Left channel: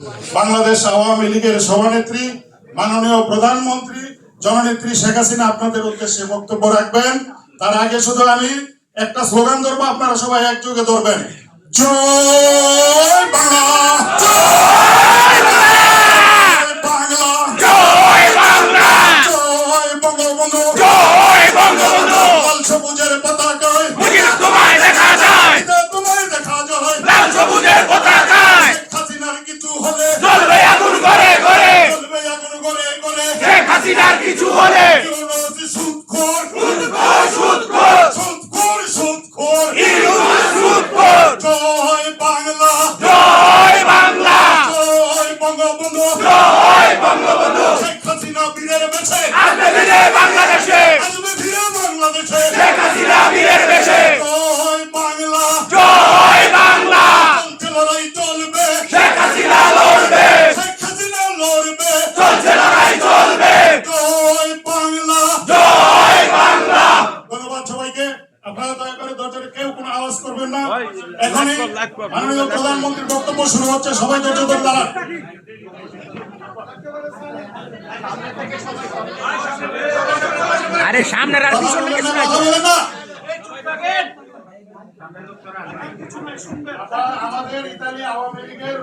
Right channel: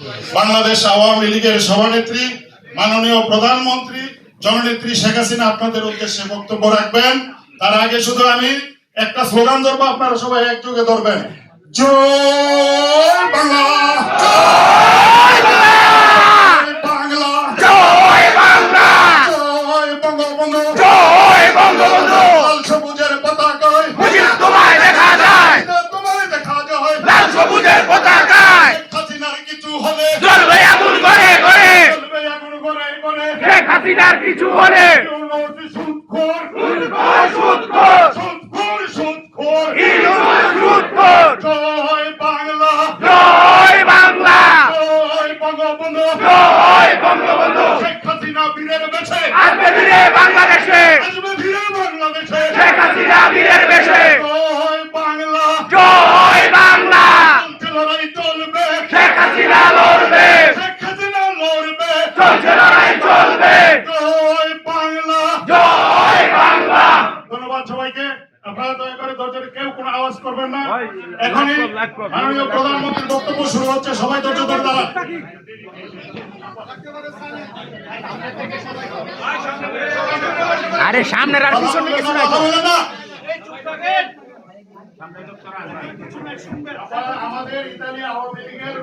বাংলাদেশ আওয়ামী লীগের সভানেত্রী মাননীয় প্রধানমন্ত্রী জননেত্রী শেখ হাসিনা আপনাদের উদ্দেশ্যে বক্তব্য রাখবেন। তার আগে শুধু আমি একটা স্লোগান ধরবো, আপনারা সবাই একযোগে ধরবেন। জয় বাংলা, জয় বাংলা, জয় বাংলা, জয় বঙ্গবন্ধু, জয় বঙ্গবন্ধু। লাল সবুজের পতাকায় তোমায় দেখা যায়, তোমায় দেখা যায়, লাল সবুজের পতাকায় হাসিনার কিছু হলে জ্বলবে আগুন করে করে, জ্বলবে আগুন করে করে, শেখ হাসিনার কিছু হলে সুদখোর সুদখোর সুদখোর সুদখোর সুদখোর ইউনুস সুদখোর। জয় বাংলা, জয় বাংলা, জয় বঙ্গবন্ধু, জয় বঙ্গবন্ধু। শেখ হাসিনা বীরের বেশে আসবে ফিরে বাংলাদেশে, আসবে ফিরে বাংলাদেশে, শেখ হাসিনা বীরের বেশে। জয় বাংলা, জয় বাংলা, লড়াই চলবে, শেখ হাসিনা লড়বে, শেখ হাসিনা লড়বে, চলছে লড়াই চলবে। জয় বাংলা, জয় বাংলা। ধন্যবাদ সবাইকে। আপনারা দয়া করে ধৈর্য, কেউ কোনো আওয়াজ করবেন না। এখনই মাননীয় প্রধানমন্ত্রীর বক্তব্য শুরু হচ্ছে, সবাই ধৈর্য ধরে দাঁড়ান। আরে সামনে আর পিছনে কিছু নাই তো। আমাদের ইতালি আওয়ামী লীগের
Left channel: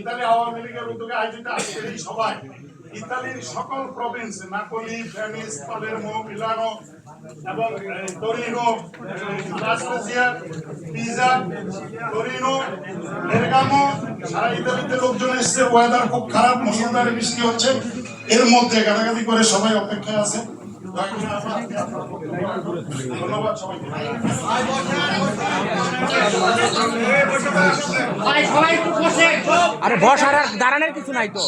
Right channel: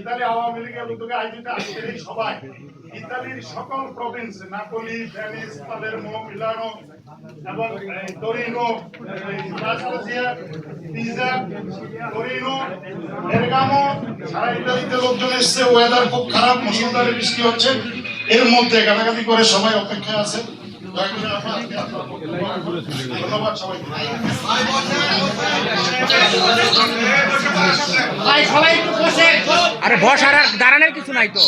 ইতালি আওয়ামী লীগের উদ্যোগে আয়োজিত আজকের এই সভায় ইতালির সকল প্রভিন্স নাপোলি, ভেনিস, পালেরমো, মিলানো এবং তোরিনো, লাস্পেসিয়া, পিজা, তোরিনো, বেরগামো, সারা ইতালিতে লোকজন এসছে। ওয়েদার খুব খারাপ, মুষলধারে বৃষ্টি হচ্ছে। এর মধ্যে গালাগালি করে সবাই অপেক্ষায় আছে। ধন্যবাদ সবাইকে। আরে বসার আর দাঁড়ানোর কিছু নাই তো,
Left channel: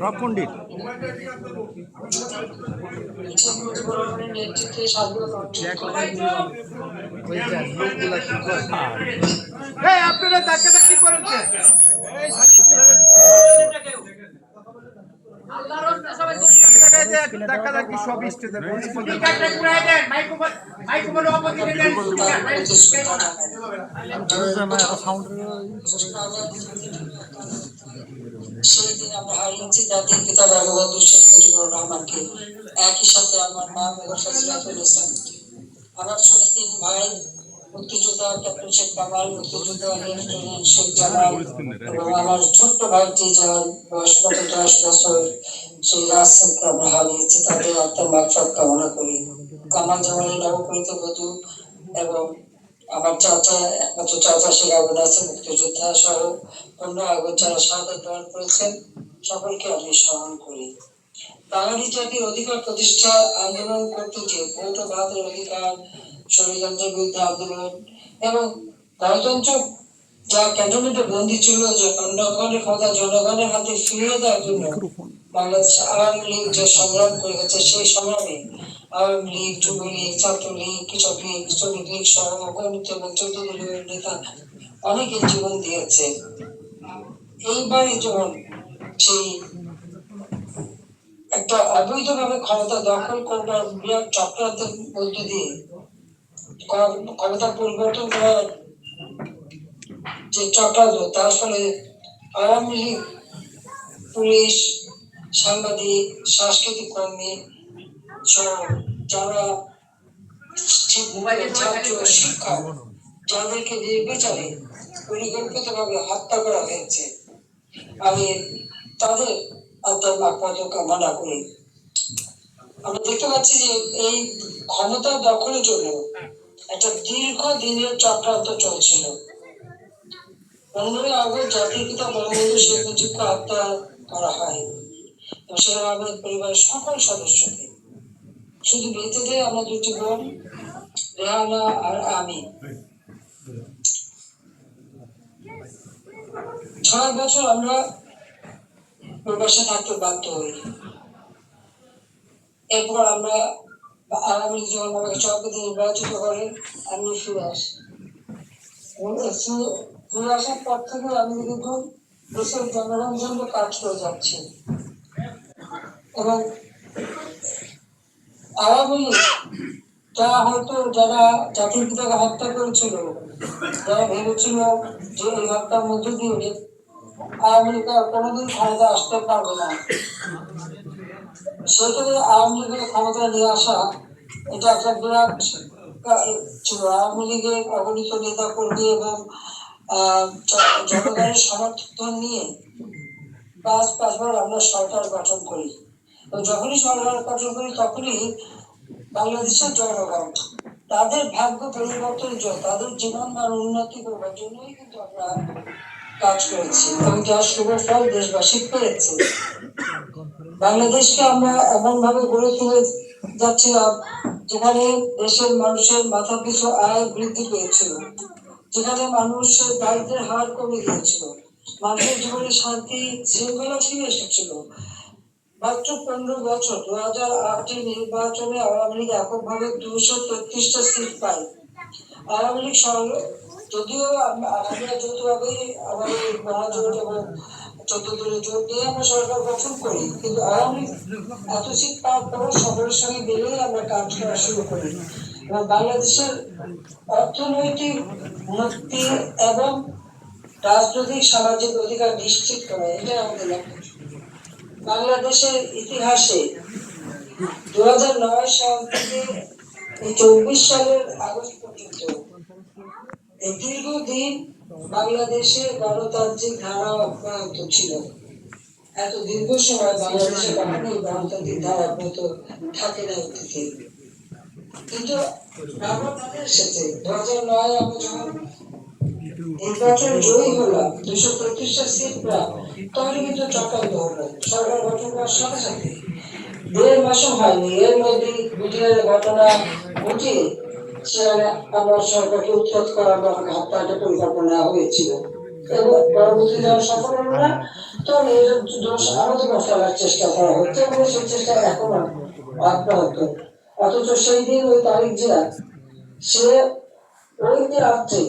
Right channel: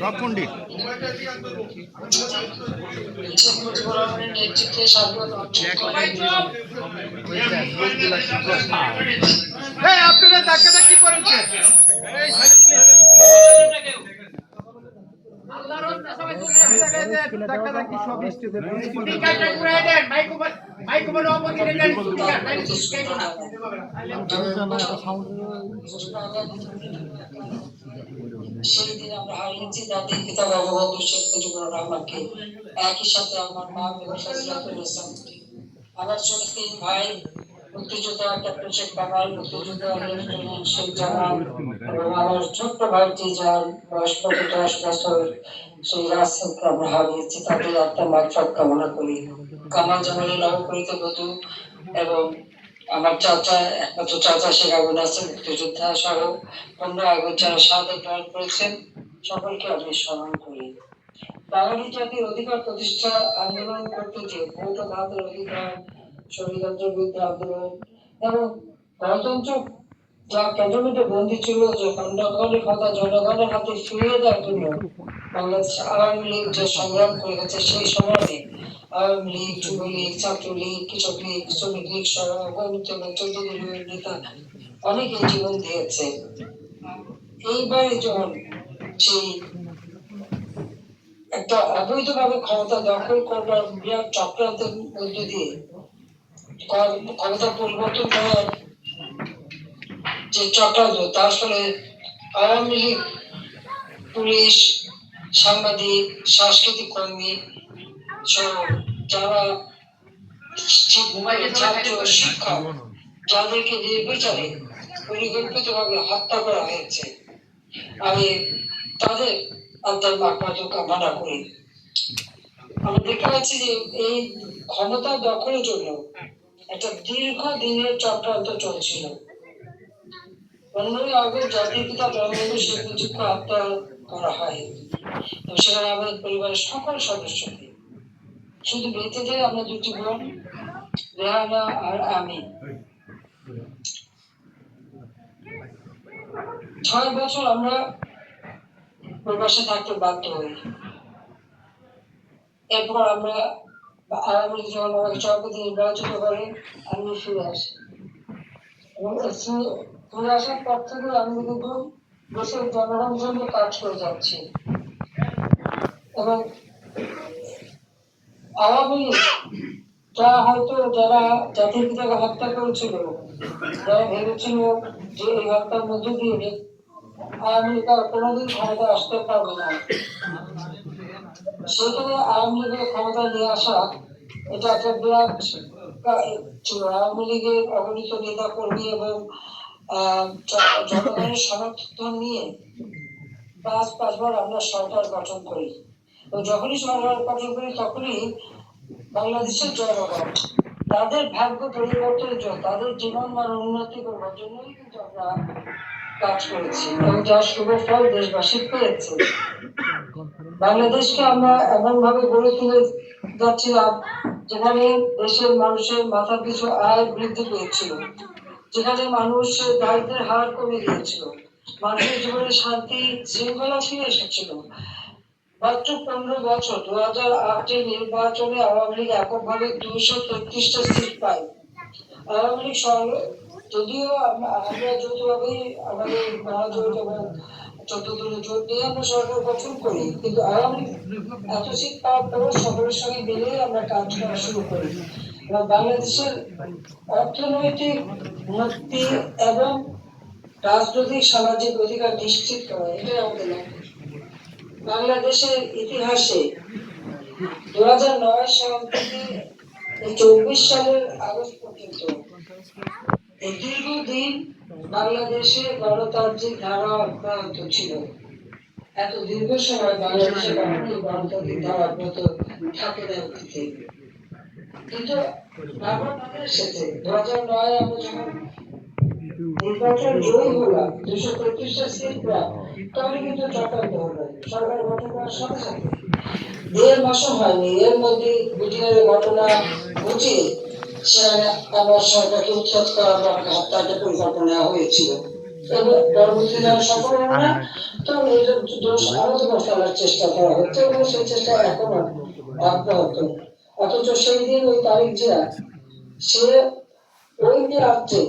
সব পণ্ডিত। আপনারা ডাক্তার কি করেন? সেদিন আমরা হারিয়েছি জাতির পিতা বঙ্গবন্ধু শেখ মুজিবুর রহমানকে, একই সাথে আমার মা বেগম ফজিলাতুল ইসলামকে, আমার ছোট তিন ভাই মুক্তিযোদ্ধা ক্যাপ্টেন শেখ কামাল, মুক্তিযোদ্ধা লেফটেন্যান্ট শেখ জামাল এবং আমার ছোট্ট ভাইটি যার বয়স মাত্র 10 বছর, সেই রাজকে আমরা হারিয়েছি। তাদের আত্মার মাগফিরাত কামনা করি। কামাল জামালের নবপরিত বধূ এবং আমার চাচা, একমাত্র চাচা শেখ আবু নাসের মুক্তিযোদ্ধা সহ 15 আগস্ট যারা শাহাদাত বরণ করেছেন, সকলকে আমি স্মরণ করি। বাঙালি জাতির অধিকার প্রতিষ্ঠা আন্দোলন করতে গিয়ে ভোট ও ভাতের অধিকার, ষড়যন্ত্রের বিরুদ্ধে আন্দোলন এবং গণতন্ত্র যা ক্যান্টনমেন্টে বন্দী ছিল, যে জনগণের ক্ষমতা জনগণের হাতে ফিরিয়ে দেওয়ার জন্য বাংলাদেশ আওয়ামী লীগ যে সংগ্রাম করে গেছে, সেই সংগ্রামে আওয়ামী লীগ, যুবলীগ, ছাত্রলীগ, কৃষক লীগ, শ্রমিক লীগ সহ অগণিত এবং 14 দলীয় নেতা অনেকে জীবন দিয়েছে। এইবারে যখন সেই একটা অবৈধভাবে ক্ষমতা দখল করবার বৃহৎ চক্রান্তের মধ্য দিয়ে ক্ষমতা পরিবর্তন করার যে চক্রান্ত, তার ফলে আওয়ামী লীগ, পুলিশ, সাংবাদিক, সাংস্কৃতিক কর্মী সহ যারা ছাত্র, শিক্ষক, যাদেরকে নির্বিচারে পরিকল্পিতভাবে হত্যা করা হয়েছে, আমি তাদের আত্মার মাগফিরাত কামনা করি। আমরা দেখতে পাচ্ছি যে এই ক্ষমতা দখলের জন্য একটা দীর্ঘদিনের চক্রান্ত চলছিল। 15 আগস্ট জাতির পিতা বঙ্গবন্ধু শেখ মুজিবকে হত্যা করা হয় এবং সেখানে আমাদের পরিবারের সকল সদস্যকে, শুধু বেঁচে যায় আমরা দুটি বোন, রেহানা আর আমি। 6 বছর আমরা প্রবাসে থাকতে বাধ্য হই। এরপর আমরা আওয়ামী লীগ যখন আমাকে সভাপতি নির্বাচিত করে, আমি ফিরে আসি এবং ফিরে আসার পর থেকে আমি কিন্তু দেশের জনগণের জন্য কাজ করে যাচ্ছি এবং আওয়ামী লীগ তা হয়তো যারা জাতির পিতাকে হত্যা করেছিল, যারা ভেবেছিল যে এই হত্যার মধ্য দিয়ে আওয়ামী লীগ আর কোনোদিন ক্ষমতা আসতে পারবে না, সেখানে আওয়ামী লীগের ক্ষমতায় নিয়ে আসা এটা একটা বিরাট ছিল। আওয়ামী লীগের অগণিত নেতা কর্মী এবং জনগণের সমর্থন নিয়ে পাঁচবার আমরা সরকার গঠন করি, এবং যখনই সরকার গঠন করি তখনই বাংলাদেশের জনগণ তাদের ভাগ্য পরিবর্তনের জন্য, তাদের জীবন মান উন্নতি করবার জন্যই কিন্তু আমরা কাজ করেছি, এবং যার শুভ ফল দেশবাসী পেয়েছে। বাংলাদেশকে আমরা এমন ভাবে গড়ে তুলে যাচ্ছিলাম যেখানে দেশের মানুষের মাথা পিছু আয় বৃদ্ধি পেয়েছিল, যেখানে মানুষের দারিদ্রের হার কমে গিয়েছিল, মানুষের জীবনে শান্তি শৃঙ্খলা ফিরে এসেছিল। মাত্র 15 বছর 2008 নির্বাচনে আওয়ামী লীগ এককভাবে 233টা সিট পায়। আওয়ামী লীগ যদিও আমরা যৌথভাবে আমাদের মহাজোট এবং 14 দলের জোট নিয়ে আমরা সরকার গঠন করি, কিন্তু আওয়ামী লীগ এত সিট পাওয়ার পরও সকলের সঙ্গে মিলেই আমরা কাজ করা শুরু করি, এবং বাংলাদেশের অর্থনৈতিক উন্নতি এবং রাজনৈতিক সামাজিক অধিকার নিশ্চিত করা, এটাই আমাদের লক্ষ্য। বাংলাদেশের ইতিহাসে 2009 সাল থেকে 24 সালের আগস্ট পর্যন্ত এই দীর্ঘদিন বাংলাদেশে গণতান্ত্রিক ধারা অব্যাহত ছিল। এত দীর্ঘ সময় বাংলাদেশে কখনোই গণতান্ত্রিক ধারা অব্যাহত থাকে না অতীতে, কিন্তু ব্যবধান এসেছে। 2009 আমরা যখন নির্বাচন জয়ী হলাম, 233টা সিট প্রায়, তখন কিন্তু চক্রান্ত হলো। সরকার গঠন করার সাথে সাথে 1.5 মাসও হয়নি, এর মধ্যে বিটিআর ঘটনা ঘটিয়ে সেখানে আমার সরকারকে উৎখাত করার বা হত্যার একটা পরিকল্পনা হয়েছিল, এবং পরবর্তী যারা সফল হলো না, তখন এর দোষ আমাদের উপর ফেলার চেষ্টা করা হচ্ছে, এবং সেই চেষ্টা এখনো অব্যাহত। অথচ সেই দিন ওই তারিখ জিয়া, সে ওই রাত্রে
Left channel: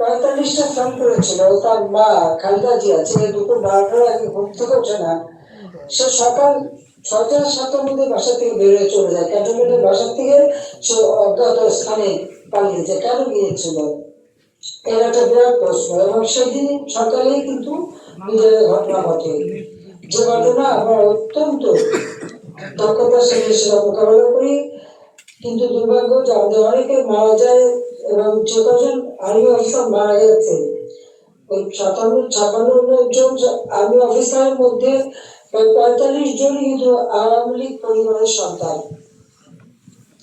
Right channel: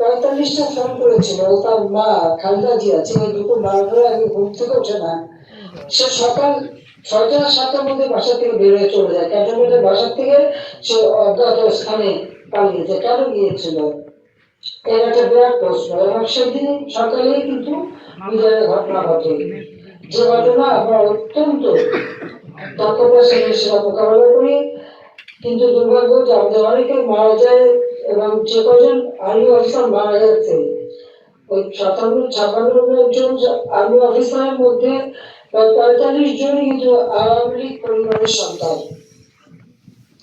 45টা ফোন করেছিল, তার মা খালেদা জিয়া, সে দুপুর 12টার আগে ঘুম থেকে ওঠে না, সে সকাল 6টা 7টার মধ্যে বাসা থেকে বের হয়ে চলে যায়। ক্যান্টনমেন্টের বাসা থেকে সে অজ্ঞাত স্থানে পালিয়েছে। কেন গিয়েছিল? এর একটা বিরাট প্রশ্ন, এবং সেদিন সকালেই কিন্তু বিজয়ের ঘটনা ঘটে, যে ঘটনা আমরা অত্যন্ত দক্ষতার সাথে সেটা মোকাবেলা করি, কিন্তু দুর্ভাগ্য যে আমাদের অনেকে মারা যায়, এবং যে কজন আর্মি অফিসার মারা গেছে, ওই 57-56 জন আর্মি অফিসারের মধ্যে 45 জনই কিন্তু আওয়ামী লীগ পরিবারের সন্তান।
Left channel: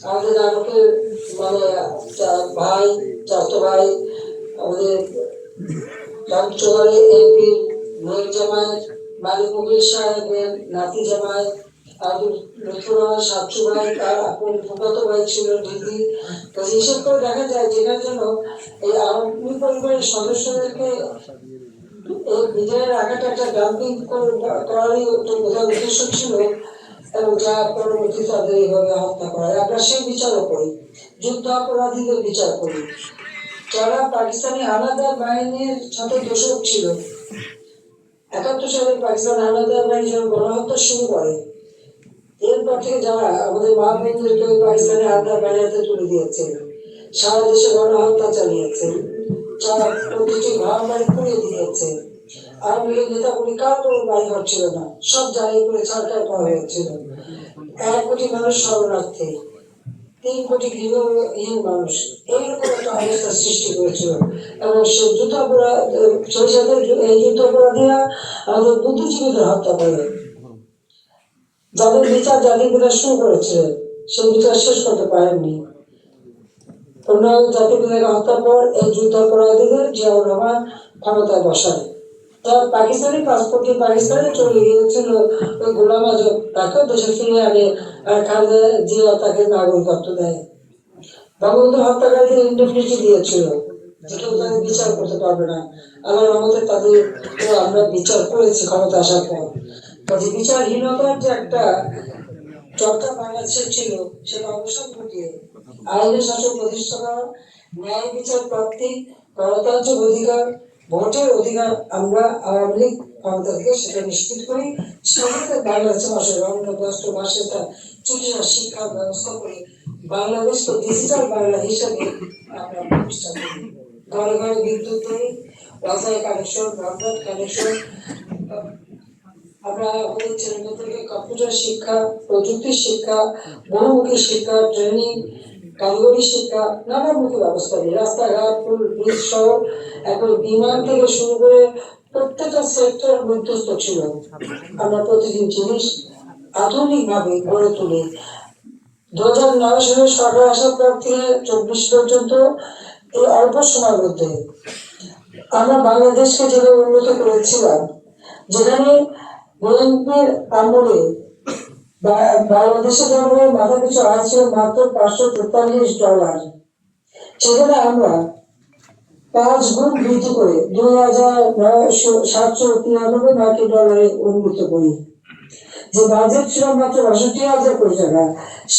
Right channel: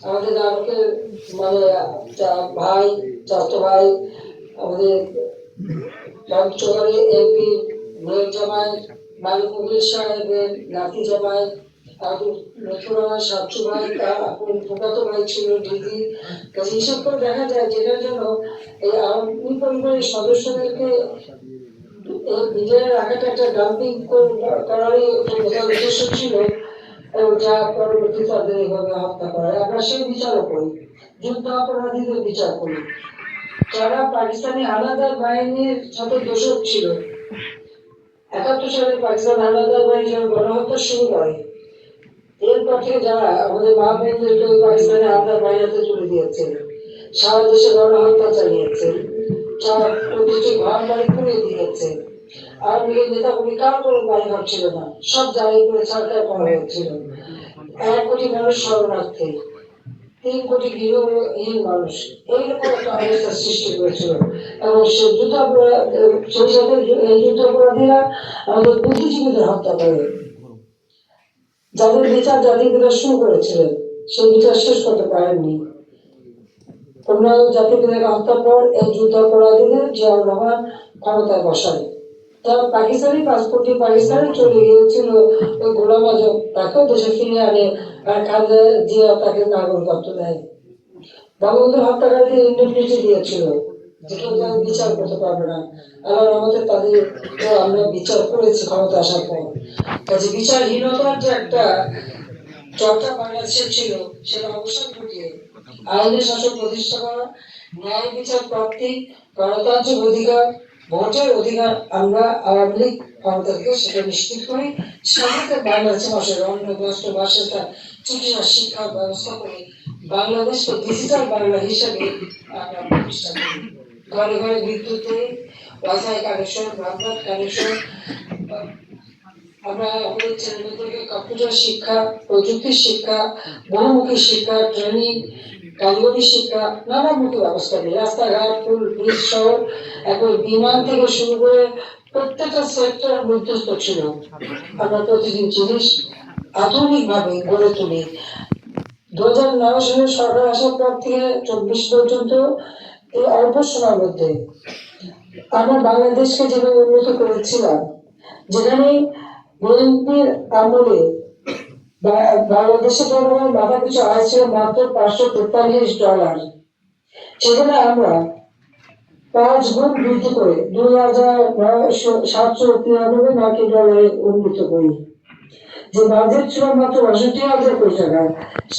আমাদের আমাদের মানে ভাই, চাচা ভাই, আমাদের পঞ্চগড়ে এমপি মেয়ের জামাই মালিক মুগিল সাহেবের নাতি জামাই, আমাদের লক্ষ্মীবাবা সাতশু ভাই, তার আপনার ফুফাতো ভাই ছিল দিদি। হিসেব করে দেখা যায় যেটার জন্য এই আওয়ামী পরিবারের সদস্যদেরকে নিজের রাখাটা একটা ডাম্পিং করারই প্রধান উদ্দেশ্য ছিল, এবং যা পরবর্তী তাদের এইভাবে হত্যা করা। আমরা সেই বিচারও করি, যুদ্ধ অপরাধীদের বিচার করি, যারা পাকিস্তানি হানাদার বাহিনীর সাথে দোষক ছিল। 71 সালে পাকিস্তান হানাদার বাহিনী যখন গণহত্যা শুরু করে, এরপর থেকে যারা আমাদের মা বোনদেরকে পাকিস্তানি হানাদার বাহিনীতে তুলে দিয়েছে, সারা দেশে গণহত্যা চালিয়েছে, যারা প্রতিটি ঘর বাড়ি পুড়িয়ে দিয়েছে, আওয়ামী লীগের নেতা কর্মী কার করে বাড়ি ঘর ছিল না, সব জ্বালাই করে সরকার করা হয়েছিল। 1 কোটি মানুষ শরণার্থী, 3 কোটি গৃহহীন মানুষ, এইরকম একটা অবস্থার সৃষ্টি করেছিল। এবং সে সেই সাথে এই যুদ্ধাপরাধীরা আমাদের বুদ্ধিজীবীদের হত্যা করে, যাদের বিচার জাতির পিতা শুরু করেছিলেন, সেই বিচার শেষ করতে পারেননি। অন্যান্য জাতির পিতাকে হত্যার পর এই যুদ্ধাপরাধীদের জিয়াউর রহমান ক্ষমতায় বসায়। তার পাকিস্তানি পাসপোর্ট দিয়ে পাকিস্তানে চলে গিয়েছিল, ওই গোলাম আজম তাকেও দেশে ফিরিয়ে আনে, আর খালেদা জিয়া তাকে নাগরিকত্ব দেয়। বঙ্গবন্ধু হত্যাকারীদের ইন্ডেমনিটি দিয়েছিল, যে কেউ তাদের বিচার করতে পারবে না। আল্লাহর রহমতে তাদের আমরা বিচার করেছি ক্ষমতা আসার পর। কাজে বিচারহীনতার যে একটা চর্চা বাংলাদেশের ছিল, সেটা অবসান ঘটিয়ে আইনের শাসন প্রতিষ্ঠা করা, ন্যায় বিচার প্রাপ্তি, গণতান্ত্রিক অধিকার, ভোটের অধিকার আমরা আওয়ামী লীগ ক্ষমতা থেকে সেটা নিশ্চিত করি। সাথে বাংলাদেশের মাসের অন্য 10 মাসে তা চিকিৎসা শিক্ষার ব্যবস্থা করে বাংলাদেশকে ডিজিটাল বাংলা হিসেবে আমরা প্রতিষ্ঠা করি। ঘরে ঘরে বিদ্যুতে ওয়াইফাই কানেকশন, ব্রডব্যান্ড কানেকশন, আমরা আমাদের ছেলেমেয়েদেরকে কম্পিউটার শিক্ষা, প্রযুক্তি শিক্ষা, বহুমুখী শিক্ষা, ট্রেনিং, কারিগরি শিক্ষা, নানামুখী ব্যবস্থা নিই। রাস্তাঘাট, পুল, ব্রিজ সহ এখন বিমান থেকে শুরু করে প্রত্যেকটা সেক্টর বিধ্বস্ত ছিল। আমরা প্রতিদিন জিনিস আধুনিকভাবে গড়ে তুলি। 2009 সালে সরকার আসার পর থেকে 24 পর্যন্ত এই অল্প সময়ের মধ্যে আমরা বাংলাদেশকে যেভাবে উন্নত করেছিলাম, যেখানে বিএনপির আমলে বাংলাদেশের জনগণের মাথা পিছু আয় ছিল মাত্র $543, সেখানে আমরা 5 গুণ বৃদ্ধি করে $2,793 উন্নীত করি। যে বাজেট ছিল মাত্র 62,000 কোটি টাকা,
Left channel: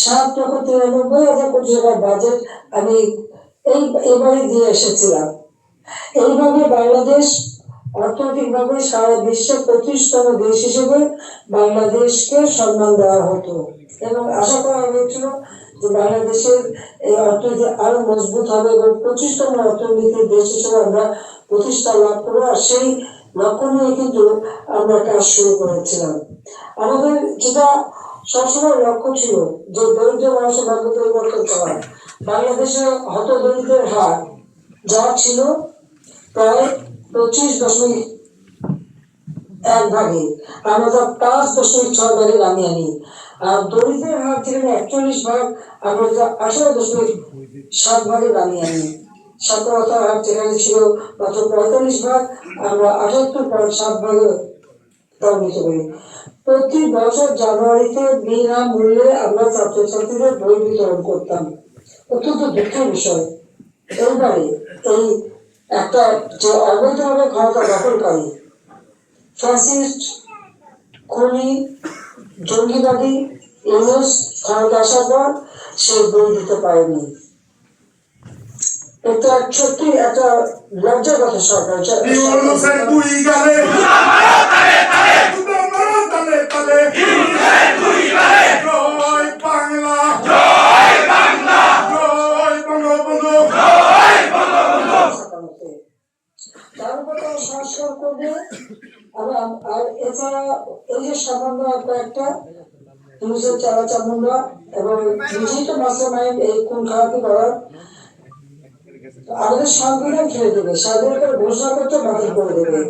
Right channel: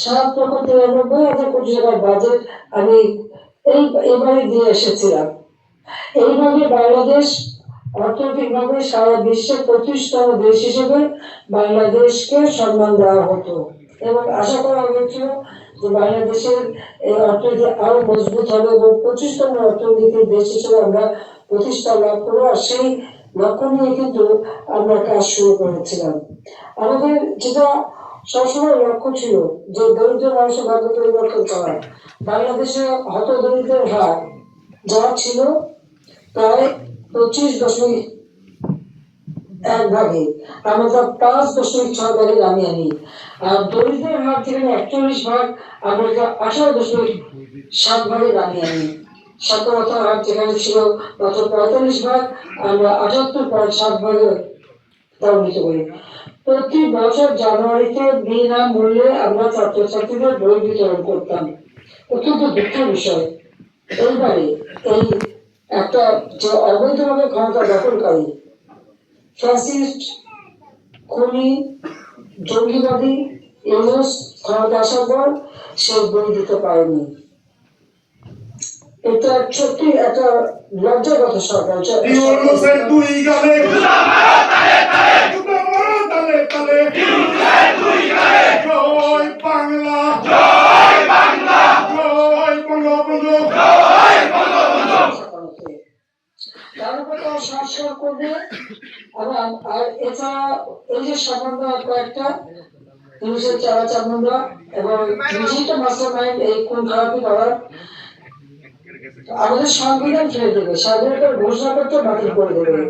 7,93,000 কোটি টাকার বাজেট আমি এবারে দিয়ে এসেছিলাম। এইভাবে বাংলাদেশ অর্থনৈতিকভাবে সারা বিশ্বের 25তম দেশ হিসেবে বাংলাদেশকে সম্মান দেওয়া হতো এবং আশা করা হয়েছিল যে বাংলাদেশের এই অর্থনীতি আরো মজবুত হবে এবং 25তম অর্থনীতির দেশ হিসেবে আমরা প্রতিষ্ঠা লাভ করবো। আর সেই লক্ষ্য নিয়ে কিন্তু আমরা কাজ শুরু করেছিলাম। আমাদের যেটা সবসময় লক্ষ্য ছিল যে দরিদ্র মানুষের ভাগ্য পরিবর্তন করা। বাংলাদেশে হতদরিদ্রের হার যা ছিল প্রায় 25.1 ভাগে, আমরা তা 5.6 ভাগে নামিয়ে আনি। আর দরিদ্রের হার যেখানে 41 ভাগ, আমরা তা 18.7 ভাগে নামিয়ে আনি। সাক্ষরতার হার যেখানে ছিল মাত্র 45 ভাগ, আমরা 78.7 ভাগে উন্নীত করি। প্রতি বছর জানুয়ারিতে বিনামূল্যে আমরা ছাত্রছাত্রীদের বই বিতরণ করতাম। অত্যন্ত দুঃখের বিষয়, এইবারে এই একটা যে অবৈধভাবে ক্ষমতা দখলকারী ফ্যাসিস্ট, খুনি, জঙ্গিবাদী ইউনুস ক্ষমতা আসার পর সে বই দিতে পারেনি। এটা সত্যি একটা লজ্জার কথা। সরকার তার উপর তারা সংস্কার করবে। আর এছাড়া এই যে সামান্য কয়েকটা পুলিশের চারা চামুন্ডা এবং নিজেই তো মাস্টার মাইন্ড এই খুন খারাপি করার, আমাদের সংবিধান ফেলে দেবে, স্বাধীনতার ঘোষণাপত্র বাতিল করে দেবে,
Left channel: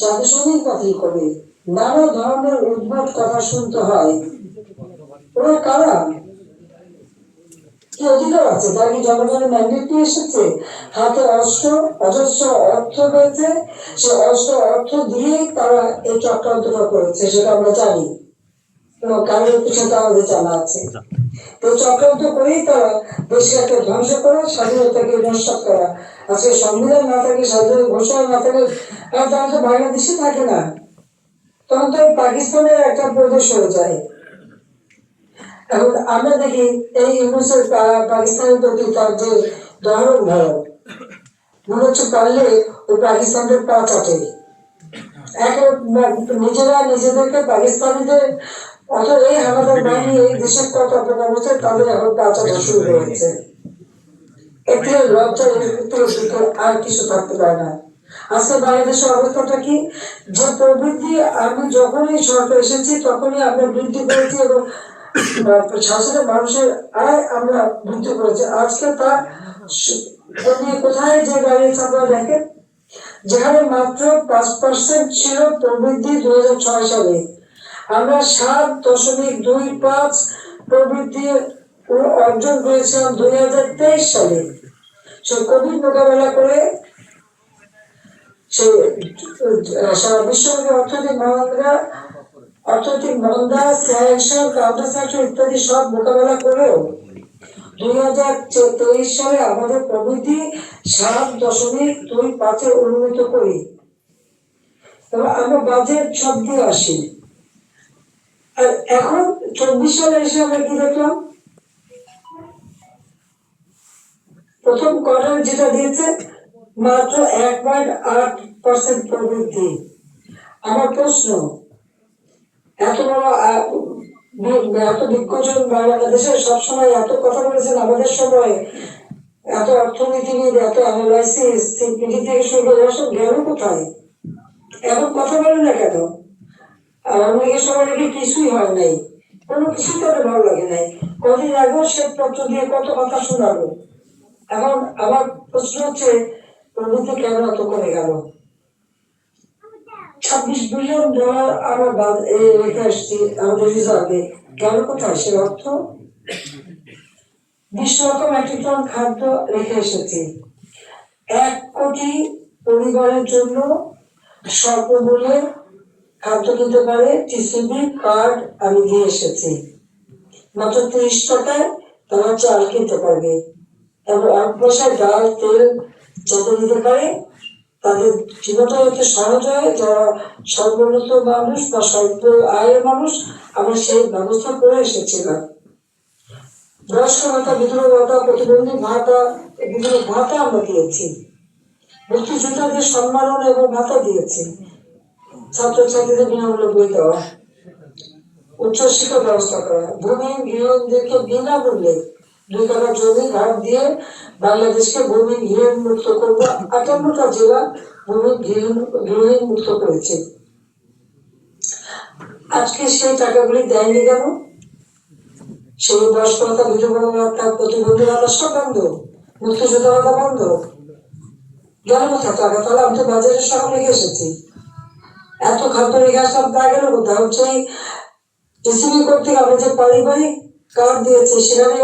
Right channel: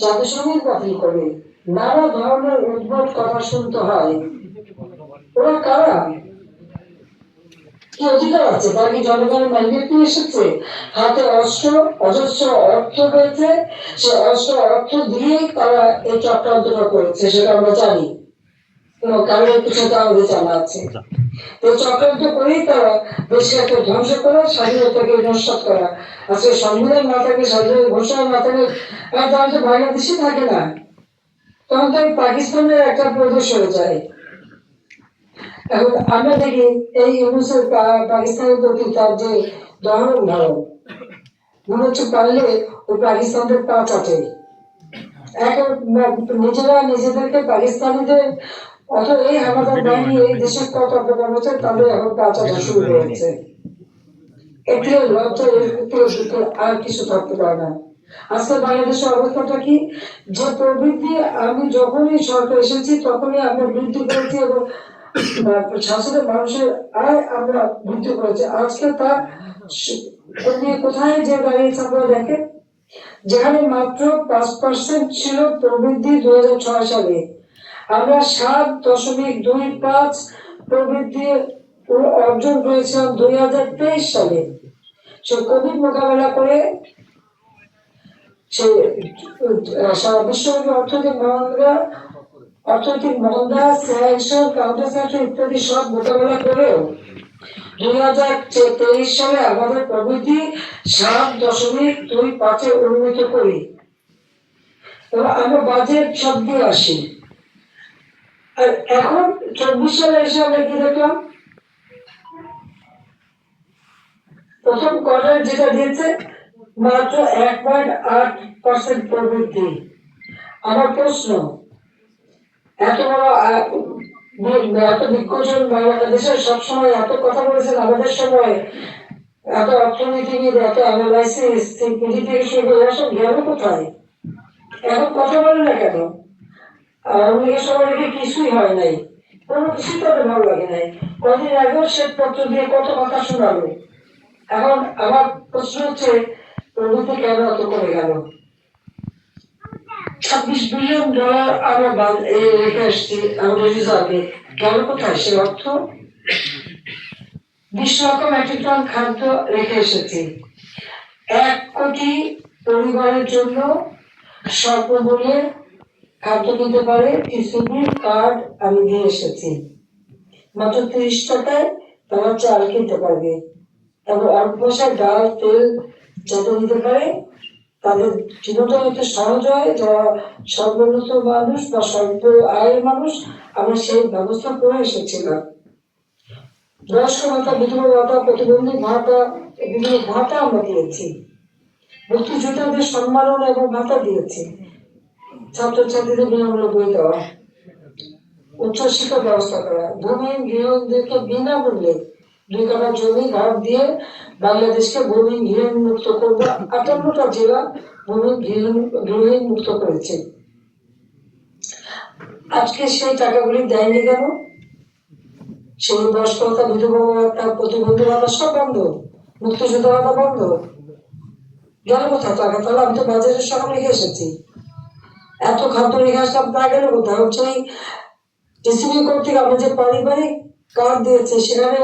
জাতীয় সঙ্গীত বাতিল করবে, নানা ধরনের উদ্ভট কথা শুনতে হয়। ওরা কারা? কি অধিকার আছে? তারা কি জনগণের ম্যান্ডেট নিয়ে এসেছে? হাতে অস্ত্র, অজস্র অর্থ পেয়েছে, সে অস্ত্র অর্থ দিয়েই তারা এই চক্রান্তটা করেছে, সেটা আমরা জানি এবং কারণের পিছনে আমাদের জানা আছে। তো চক্রান্ত করেই তারা দেশকে ধ্বংস করা, স্বাধীনতাকে নস্বাত করা। আজকে সংবিধান না থাকে, স্বাধীনতা ঘোষণা না থাকে, আর তারা তো বাংলাদেশে থাকে না, তখন তো পাকিস্তানের একটা প্রদেশ হয়ে যায়। এখন আমরা দেখি এই ইউনুসের পাকিস্তানের প্রতি তার যে ধরন মনে হচ্ছে পারলে ওই পাকিস্তানদের পা চাটে। এখন নিজেরা নিজেদেরকে পাকিস্তানিদের অথবা এই হানাদার বাহিনী এই দেশের কত অপকার হচ্ছে, তাদের এখন পা চাটা শুরু হয়েছে। এতে লজ্জা আর কিছু থাকতে পারে না। আজকে বাংলাদেশের অবস্থাটা কি, যে প্রবৃদ্ধি আমি যখনই সরকার এসেছি তখনই আমরা বৃদ্ধি করেছি এবং শাসনের মানুষের আয় আমরা বৃদ্ধি করেছি। আজকে তা কোথায় যে দাঁড়িয়েছে আপনারা দেখেন, যেখানে মাত্র 5% ছিল প্রবৃদ্ধি 2006 সালে, আমরা 7.25 প্রবৃদ্ধি অর্জন করেছিলাম 2023 সালে। সে কোভিড মোকাবেলা করে সে সারা বিশ্বব্যাপী অর্থনৈতিক মন্দা, স্যাংশন, কাউন্টার স্যাংশন ইত্যাদি সব মোকাবেলা করেও 2023 সালে আমাদের প্রবৃদ্ধি 7.25 উন্নীত করি এবং আমরা বাজেট সব দিয়ে আসি। আর এখন 24 সালে এসে আমরা কি দেখলাম, প্রথম কোয়ার্টার যেটা দিয়েছে মাত্র 1.8% প্রবৃদ্ধি। আমার প্রশ্ন, এত বড় এত বিজ্ঞজন বাংলাদেশে সবসময় এত কথা বলেছেন, আমাদের সময় এত অর্থনীতিবিদ, এত অ্যানালাইসিস থেকে শুরু করে এসব গেল কোথায়? এখন কথা বলে না কেন? আর আমেরিকার সময় নাকি কিছুই হয় নাই, কোনো কিছু তাদের ভালো লাগে নাই। কদিন আগেও শ্বেতপত্র দিয়ে কত কথা শোনালো। এখন আমার প্রশ্ন হচ্ছে, প্রবৃদ্ধি কেন অত কমে গেল? $26 বিলিয়ন আমরা রেখে আসছি আমাদের রিজার্ভে, গেল কোথায় সে অর্থ? 20 লক্ষ মেট্রিক টন খাদ্য রেখে এসেছি। 1 কোটি পরিবারের জন্য স্বল্পমূল্যে খাদ্য কিনতে পারে টিসিবি কার্ড আমি দিয়ে এসেছি। মাত্র 30 টাকায় তারা চাল কিনতে পারবে এবং অল্প পয়সায় ডাল তেল যাতে নিতে পারে, তাদের জীবনটা যাতে সহজ হয়, যারা সর্বোন্নত মানুষ বা স্বল্প আয়ের মানুষ, আমরা সেই ব্যবস্থা করে এসেছিলাম। বয়স্ক ভাতা, বিধবা ভাতা, প্রতিবন্ধী ভাতা, বিভিন্ন ভাতা আমরা দিয়েছি। মুক্তিযোদ্ধাদের সম্মাননা এবং ভাতা দিয়েছি। ছাত্রছাত্রীদের বিনামূল্যে বই দেওয়া, উচ্চশিক্ষা ব্যবস্থা করা, ভূমিহীন গৃহহীনদেরকে বিনামূল্যে 2 কাঠা জমি ঘাট দিয়ে বাংলাদেশকে ভূমিহীন গৃহহীন মুক্ত করবো। 58টা জেলা ভূমিহীন গৃহহীন মুক্ত করেছে। আজকে সেই টাকাগুলি দেয়নি কেন? সেই বয়স্ক ভাতা, বিধবা ভাতা, প্রতিবন্ধী ভাতা সব বন্ধ, মুক্তিযোদ্ধা ভাতা বন্ধ, গেল কোথায় টাকা? তাহলে আমি তো বাজারের সব রেখে এসেছি, এত খাদ্য রেখে আসলাম, তা গেল কোথায়? হচ্ছে টিসিবি কর্তৃক আমরা যে পারিবারিক কার্ড দিয়েছে, সেখানে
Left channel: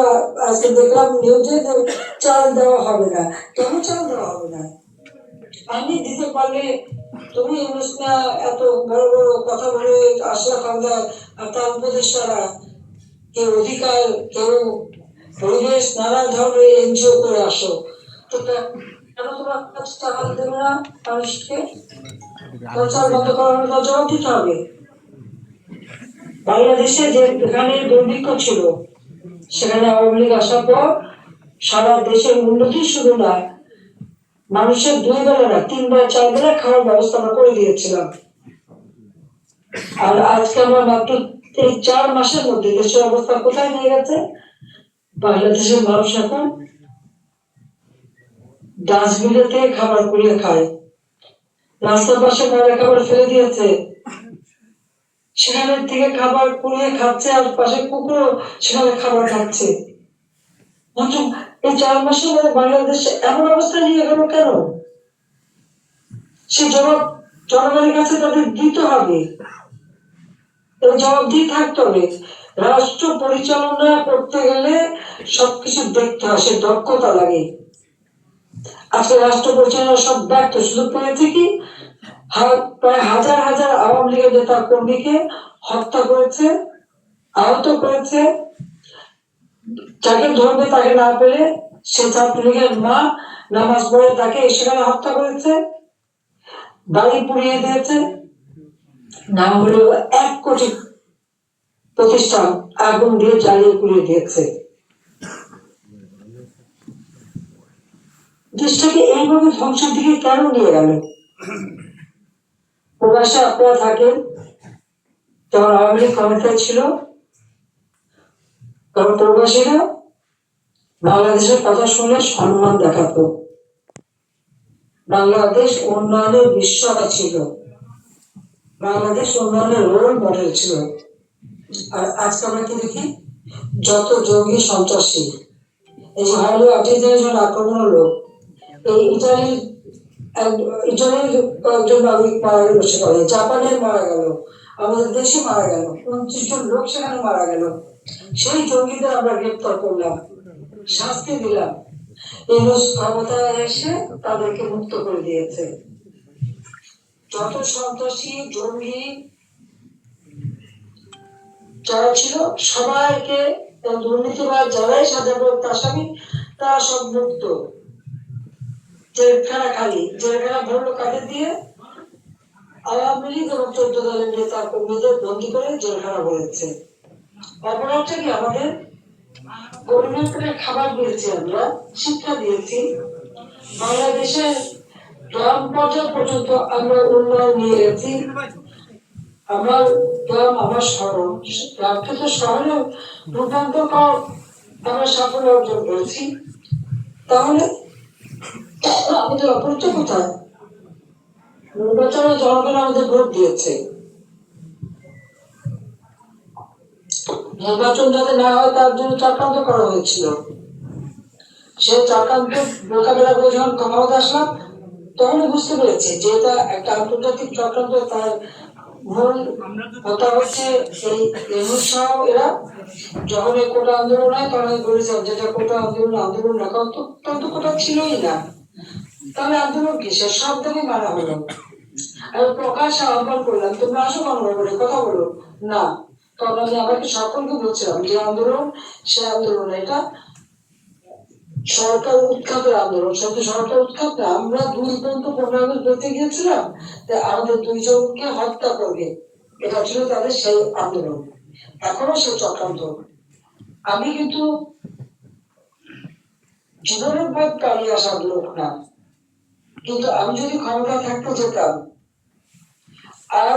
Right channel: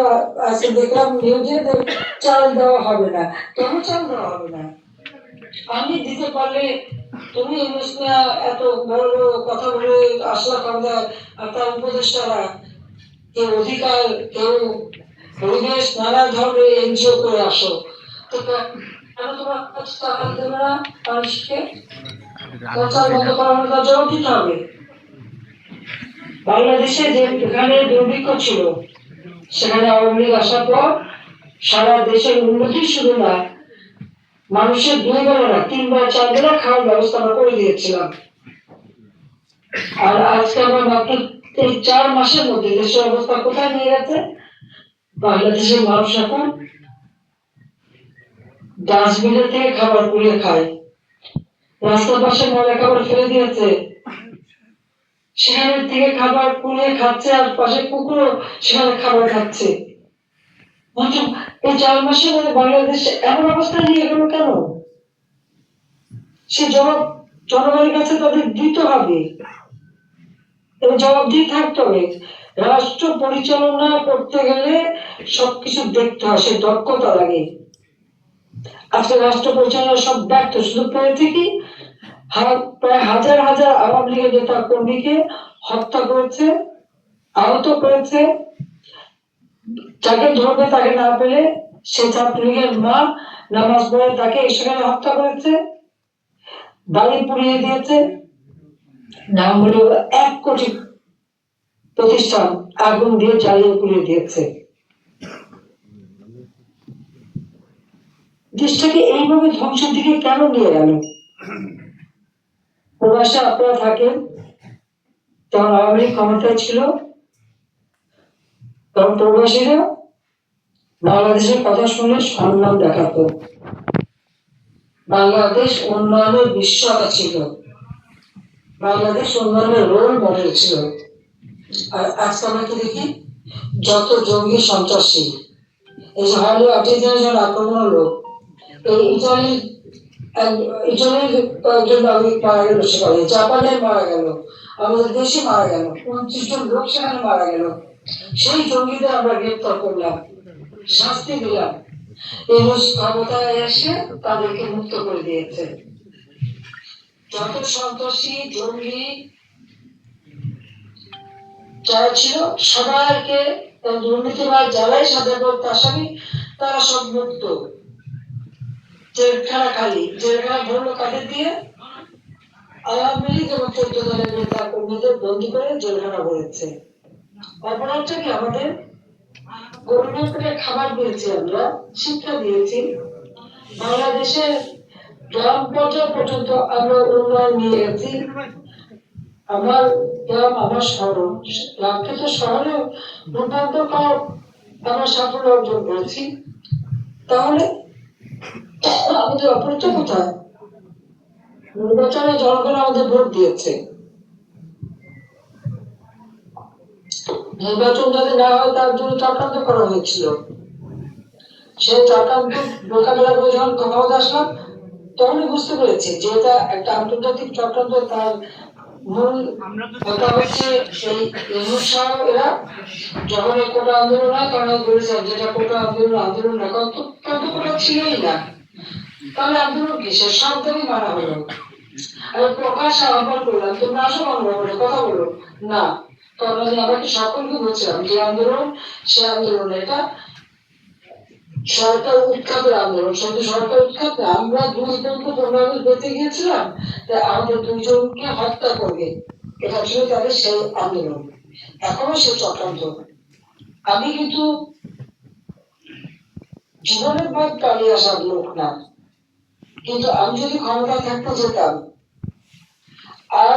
আজকে দেখলাম নিউজে যে চাল দেওয়া হবে না। কেন চাল দেওয়া হবে না? আমি দিতে পারলে তুমি এত বড় বড় কথা বলে আসলা ক্ষমতায়, আর তার উপদেষ্টারা কেউ অধিকার, কেউ পরিবেশ, নানা ধরনের এনজিও করে আসো, তো কেন তোমার কাছে টাকা দেবে না মানুষকে? চাল বন্ধ করানোর তার জবাব দিতে হবে। বাংলাদেশে যেখানে দুর্ভিক্ষ ছিল, সেখানে আওয়ামী লীগ আসার পর সারা দেশের উন্নতি শুধু না, মানুষের 2 বেলা না 3 বেলা 4 বেলা খাওয়ার ব্যবস্থা আমরা করে দিয়েছিলাম। আর আজকে আমরা মাত্র এই 4 মাসের মধ্যে দেশের অবস্থা কোথায় নিয়ে গেছে? বাংলাদেশের মানুষ এখন ডাস্টবিনের থেকে খাবার কুড়িয়ে খায়, রাস্তার পাশে ময়লা খাবার ফেলে দিয়েছে, সেখানে থেকে খাবার কুড়িয়ে খাচ্ছে, আর পাশে কুকুরও সেখানে খাবার খাচ্ছে। এই 4 মাসের মধ্যে বাংলাদেশ এমন অবস্থা নিয়ে গেল কেন? সে জবাব জনগণের কাছে তাদের দিতে হবে, এই জবাব দিয়ে থাকতে হবে। রাষ্ট্র পরিচালনা করতে গেলে সবকিছু দেখতে হয়, সে দক্ষতা লাগে। আজকে রাষ্ট্র পরিচালনা সব ব্যর্থ, শুধু পেয়েছে কি প্রায় হাজার হাজার আওয়ামী লীগের নেতা কর্মীকে হত্যা করেছে, আহত করেছে। যাকে ধরবে তাকে না পেলে সে ছাত্রলীগের মা নামাজ পড়ে তাকে সেখানে হত্যা করেছে, বাড়ি পুড়িয়ে দিয়েছে। নাম হলো 1 কোটি প্রতিষ্ঠান আগুন দিয়ে জ্বালিয়ে পুড়িয়ে দিয়েছে। দেশটাকে এইভাবে ধ্বংসের দিকে কেন নিয়ে গেল? প্রবাসে আপনারা থাকেন, তখন আওয়ামী লীগ ক্ষমতায় ছিল, কারণ প্রবাসীরা বাংলাদেশের কথা শুনে সম্মান দেখাতো, বাংলাদেশ উন্নয়নের বিশ্বতা ছিল, বাংলাদেশ উন্নয়নের রোল মডেল ছিল। আর আজকে আমরা কি দেখি? যত জঙ্গি সন্ত্রাসী, এই যে হলে 28 জন আক্রমণ হলো, এই ইটালির কয়েকজন নাগরিক মারা গেল, সেখানে জাপানের মারা গেল, আমাদের দেশে মারা গেল, 29 জন লোক সেখানে মারা গেল। সেই জঙ্গিদের আমরা গ্রেপ্তার করলাম, শাস্তি দিলাম, এই ক্ষমতায় এসে তাদেরকে মুক্ত করে দিয়েছে। যত সন্ত্রাসী জঙ্গি যারা ছিল সবাইকে, দুর্নীতিবাদ যারাই সাজাপ্রাপ্ত আসামি, তারা সব মুক্ত। জেলখানা খালি, জেলখানা ভরলো কাদের দিয়ে? আওয়ামী লীগ এবং 14 দলের নেতা কর্মীদের বন্দী করে জেলখানা ভরেছে। অপরাধটা কি? আমাদের গরিবের করে খাবার দিয়েছি, আমরা শিক্ষা দিয়েছি, বাংলাদেশের গ্রাম পর্যায় পর্যন্ত আমরা উন্নয়ন নিয়ে গেছি। আমার গ্রাম আমার শহর, গ্রামকে তো শহরে রূপান্তর করার আমরা সাফল্য অর্জন করেছি। তাহলে আমাদের অপরাধ কোথায়? নির্বাচনে জনগণ আমাদের ভোট দিয়েছে, নির্বাচন যাতে না হয় তার জন্য চক্রান্ত করা হয়েছিল। সে চক্রান্ত মোকাবেলা করে যখন ক্ষমতা আসলাম তখনই বুঝতে পেরেছি যে এটা একটা আন্তর্জাতিক চক্রান্ত। তার মূল কথা হচ্ছে এই সহ এরা যখন এই কোটা আন্দোলন হয় তখন বলেছেন যেটা কোটা আন্দোলন রাখা অত্যন্ত কোটা ছিলই না, তাহলে আন্দোলন কিসের? সব দাবি মানা হলো। আমি প্রকাশ্যে আহ্বান করলাম তোমরা আসো গণভবনে কথা বলো না, তখন আমি আমাকে সকলকে বলছিলাম যে আন্দোলন সে আন্দোলন, এটা সরকার উৎখাতের আন্দোলন। সত্যি সরকার উৎখাত না, আমরা 2 পর্যন্ত 15 আগস্ট বেঁচে গিয়েছিলাম তাই আমাদের 2 জনকে হত্যা করবে, এটা ছিল তাদের সেই আন্দোলন। এখনো সে চক্রান্ত। আমি কিন্তু জীবনের পথ পালিয়ে আসার লোক না, কিন্তু আমি যদি ক্ষমতা থাকতে যেতাম আর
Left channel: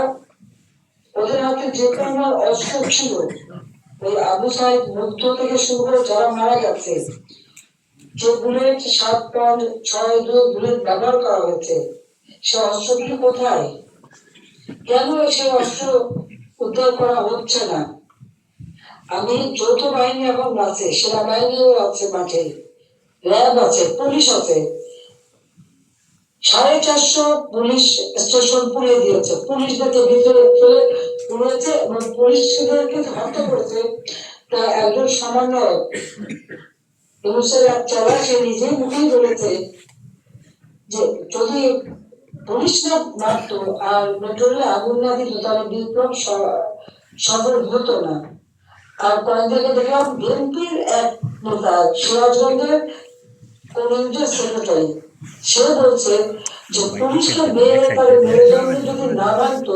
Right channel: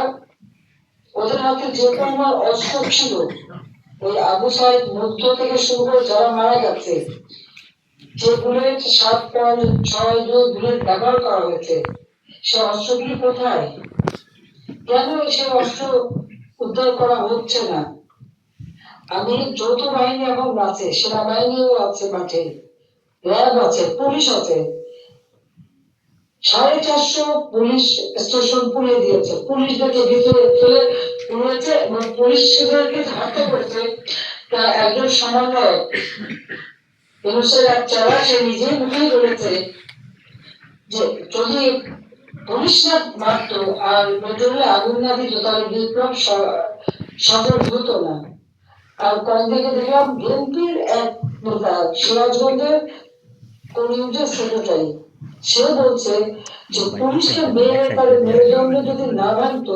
ওদের হাতে যে পরিমাণ অস্ত্র ছিল, ওই আবু সাইদ মুগ্ধ থেকে শুরু করে যারা মারা গেছে, যে বুলেট 7.62 বুলেট ব্যবহার করা হয়েছে, সে অস্ত্রগুলি কোথায়? কেন সে অস্ত্র উদ্ধার করা হচ্ছে না? আমি যৌথ বাহিনী এবং আছে, সেনাবাহিনীও আছে মাঠে, র্যাব আছে, পুলিশ আছে, 450 পুলিশ স্টেশন পুড়িয়ে দিয়েছে, পুলিশদেরকে ভিতরে ফেলে পুড়িয়েছে এবং পুলিশদেরকে হত্যা করেছে। তা একজন সমন্বয়ক এক চালা সে নিজে মুখেই বলেছে যে যদি পুলিশ না মারত আর পেট্রোলে আগুন না দিত তাহলে বিপ্লব সফল হতো না। আর কয়েকদিকে দেখলাম বিএনপির এক নেতা সিরাজগঞ্জের কমিউনিটির সেক্রেটারি, সে বলছে যে পুলিশকে মেরুদণ্ড যদি না ভাঙত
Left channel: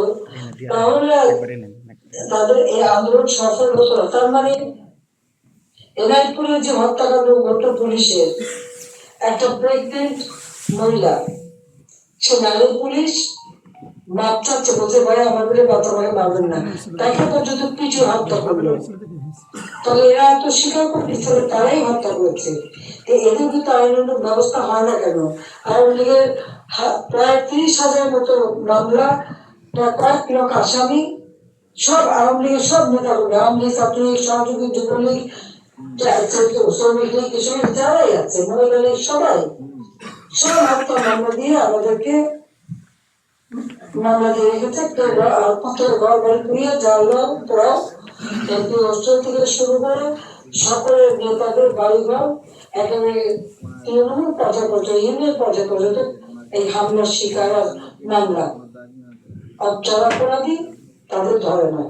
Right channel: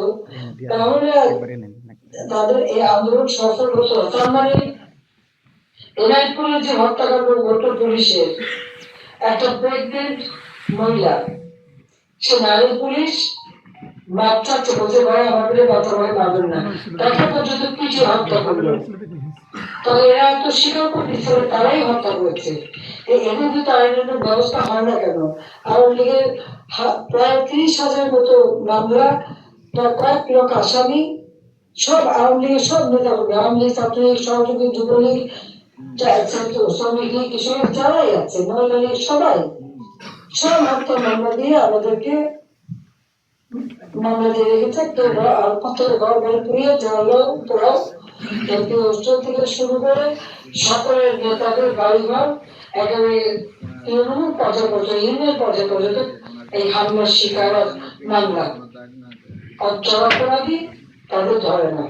তাহলে তাদের এই আন্দোলন সফল হতো। তার মানে এনায়তপুরের যে হত্যাকাণ্ড ঘটল পুলিশের, একটা প্রেগনেন্ট মহিলা, সে নারী পুলিশ বাচ্চাচ্ছে বলতে পারে আমাদের বাচ্চা ভাই মারবেন না, তাকে পর্যন্ত কিছু হত্যা করলো। তবে এরা তো স্বীকার করতেছে তারাই হত্যা করেছে। এদের কিন্তু আইনের ব্যবস্থা হয় না কেন? আওয়ামী লীগের প্রায় 30,000 মতো মামলা, কয়েক লক্ষ আসামি, সব আওয়ামী লীগের সব নেতা কর্মী, আওয়ামী লীগ, ছাত্রলীগ, সহযোগী যুবলীগ, শ্রমিক লীগ, কৃষক যারাই আছে, মহিলা লীগ, সবাই সব হত্যা মামলা দিয়ে আমাদেরকে মামলা দিয়ে রেখেছে। পাথর ঘর বাড়ি পুড়িয়ে জ্বালাও পোড়াও, এমপি হোস্টেল থেকে শুরু করে সকলের নেতাদের বাড়িঘর একেবারে তৃণমূল পর্যায় পর্যন্ত, ইউনিয়ন পর্যায় পর্যন্ত এই হামলার শিকার মামলা। আর যারা অপরাধী তাদের ধরে না।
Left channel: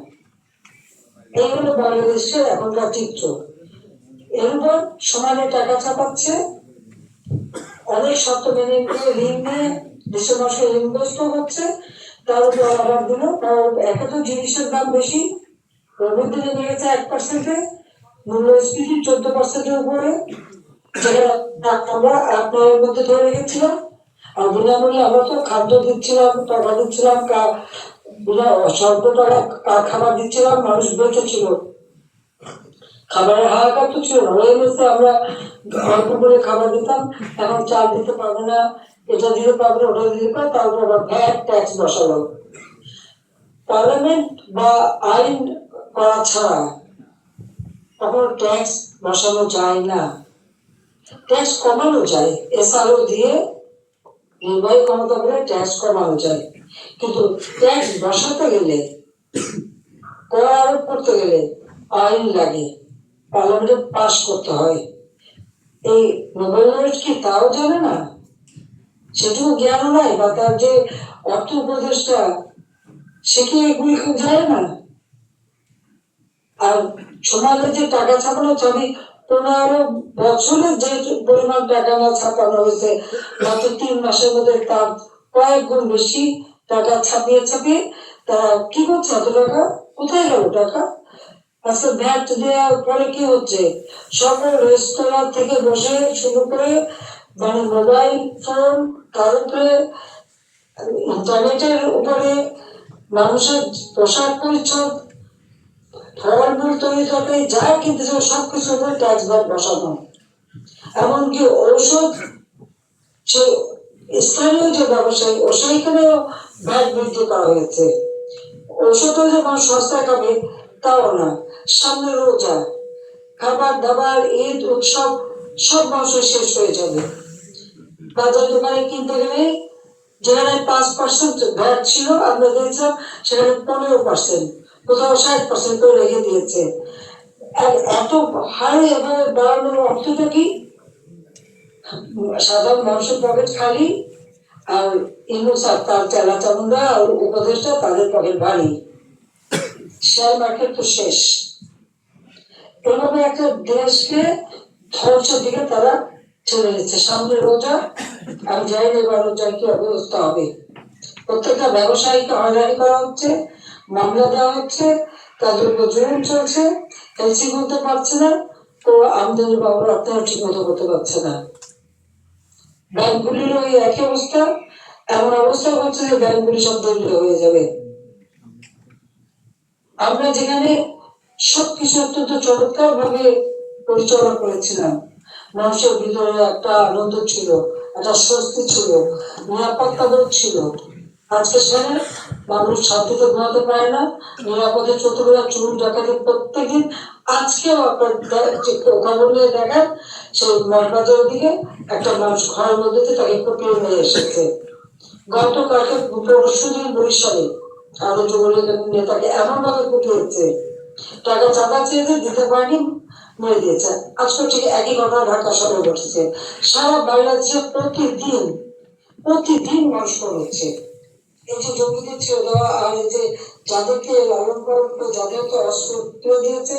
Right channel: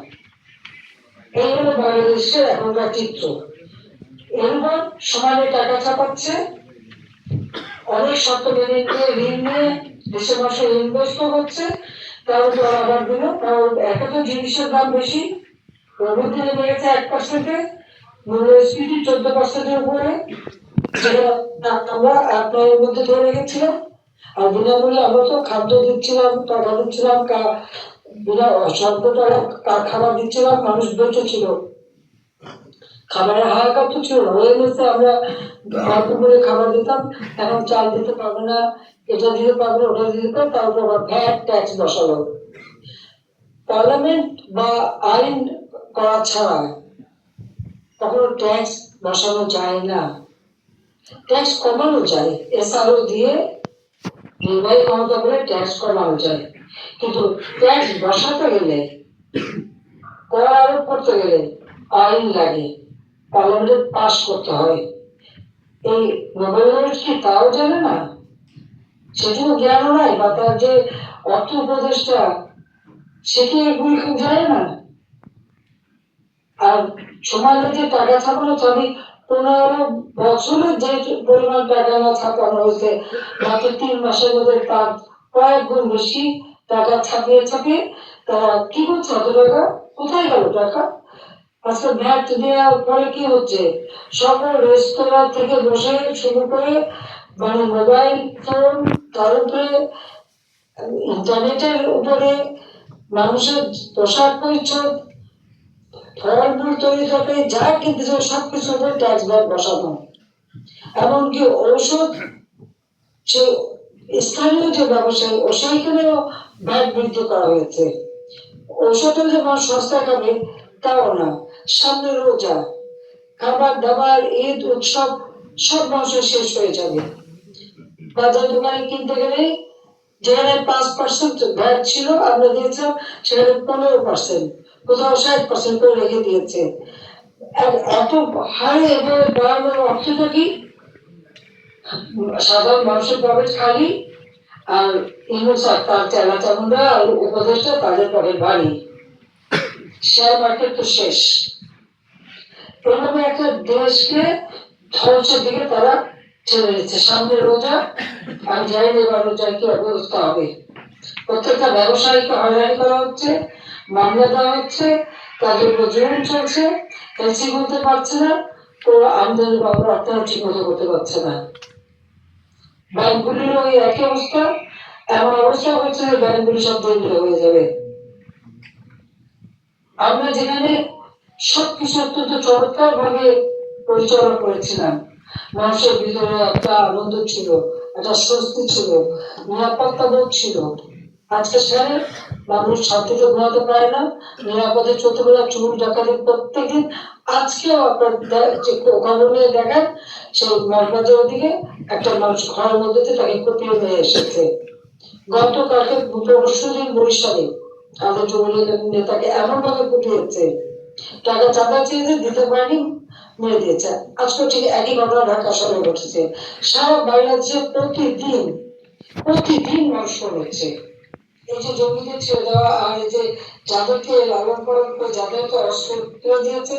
এই হলো বাংলাদেশের এখনকার চিত্র। এরপর সমানে টাকা ছাপাচ্ছে, অনেক শর্ত মেনে ঋণ নিয়ে দেশের মানুষের ইনভেস্ট হচ্ছে, তার উপর আবার দিল। একে তো জিনিসের দাম বেশি, প্রবৃদ্ধি নেমে গেছে 1%, মূল্যস্ফীতি 14%-এর উপরে, যেটা আমরা 8-9-এর মধ্যে ধরে রেখেছিলাম। আর বিনামূল্যে আমরা তো খাদ্য দিচ্ছিলাম, টাকা দিচ্ছিলাম, স্বল্প টাকা খাবার দিচ্ছিলাম, মানুষ বেঁচে ছিল, খাবারের হাহাকার তো ছিল না। ওই মধ্যে আমরা অল্প করে খাবার দিতাম, এখন চাল দিতে পারবে না, এটা দিতে পারবে, ওটা দিতে পারবে, তার উপর আবার ভ্যাট ট্যাক্স বসালো। পার্লামেন্ট বা আইন করা ছাড়া কখনো ট্যাক্স বসানো যায় না, ট্যাক্স কমানো যায়, এসআরও দিয়ে নির্বাহী ক্ষমতা বলে ট্যাক্স কমানো যায়, কিন্তু ট্যাক্স বসাতে গেলে, কর আরোপ করতে গেলে আইন লাগে, পার্লামেন্টে পাস করতে হয়। এই নোবেল লরেট কি তাও জানে না? সেটুকু জ্ঞানও নাই, বা তার যে অর্থ উপদেষ্টা সে কি এগুলি খুব জানে না? আর সমাজে যে টাকা ছাপানো, আমি 15 বছরে যে পরিমাণ টাকা না ছাপানো হয়েছে, মাত্র 3 মাসের মধ্যে তার কয়েক গুণ বেশি টাকা ছাপিয়ে ছাপিয়ে তারা কি করছে? এত টাকা কোথায় গেল টাকা? আচ্ছা, ভ্যাট দেওয়ার পরে কি হচ্ছে? সকল রেস্তোরাঁ থেকে বসে শুরু করে মানে মোবাইল ফোন, তার উপরে ইন্টারনেটের উপরে মানুষের পোশাক পরিচ্ছদ, ফলমূল তৈরি তরকারি যা কিনতে চায় সবকিছুর উপর ট্যাক্স বসানো, এমনকি ঔষধ সে স্থানীয় যে ব্যবসায়ী ও সেইখানেও ভ্যাট বৃদ্ধি করা হয়েছে। ঔষধও যে মানুষ সস্তায় খাবে তাও না, সামনে রোজা, খাবার দাবার, ঈদ উৎসব সব মানুষের শেষ হয়ে যাবে। বাজার দোকানে কিনতে গেলে যেখানে 5% ভ্যাট ছিল আমরা দিয়েছিলাম সেখানে 15%, কোথাও 60% করে রেখে দিয়েছে। এত হারে এভাবে বাড়ানোর অর্থটা কি? সাধারণ মানুষের পকেট খালি, আর ইউনুস আর তার চেলা চামুন্ডা আর উপদেষ্টা তাদের পকেট ভারী। শেয়ার মার্কেট তো শেষ। এভাবে একটা দেশকে ধ্বংসের দিকে তারা ঠেলে নিচ্ছে। সামনে রোজা, আমি জানি না এবার রোজার কি অবস্থা হবে। প্রত্যেকটা ব্যবসায়ীকে হয়রানি করা হচ্ছে, মামলা দেওয়া হচ্ছে, তাদের উপর জুলুম চলছে, এলসি করতে পারছে না, তো আমদানি বা রপ্তানি ঠিক মতো করতে পারছে না। ব্যাংকগুলির ওই একই অবস্থা, এমন অবস্থা হচ্ছে যে ব্যাংকগুলি সব দরিদ্র হয়ে যাবে। আমরা যেখানে সবকিছু অত্যন্ত চমৎকার ভাবে পরিচালনা করেছিলাম, মানুষের ভিতরে একটা আনন্দ ছিল, একটা স্বস্তি ছিল, নিরাপত্তা বোধ ছিল, আজকে সেখানে মানুষ শান্তিতে ঘুমাতে পারে না, নিরাপদে চলতে পারে, চুর ডাকাতি প্রত্যেকদিন। আজকেও আপনার খবর নিয়ে দেখেন সেই মগবাজারের দিকে একটা মানুষ ঘরের মধ্যে তাকে কুপিয়ে নিয়ে এসেছে। গতকালকে পরশুদিন বরিশালে আমাদের যুবলীগের নেতাকে এমন ভাবে কুপিয়েছে, টাকা চাঁদা চেয়েছে, দিতে পারেনি, মেরে দিয়েছে। আজকে ঠিক একই ঘটনা ঢাকা শহরে ঘটেছে। সারা বাংলাদেশে প্রতিদিন মানুষ হচ্ছে। এই যে জঙ্গিদের ছেড়ে দেওয়া আর এই যে যাদেরকে লালন পালন করে যাদেরকে অস্ত্র তুলে দিয়েছে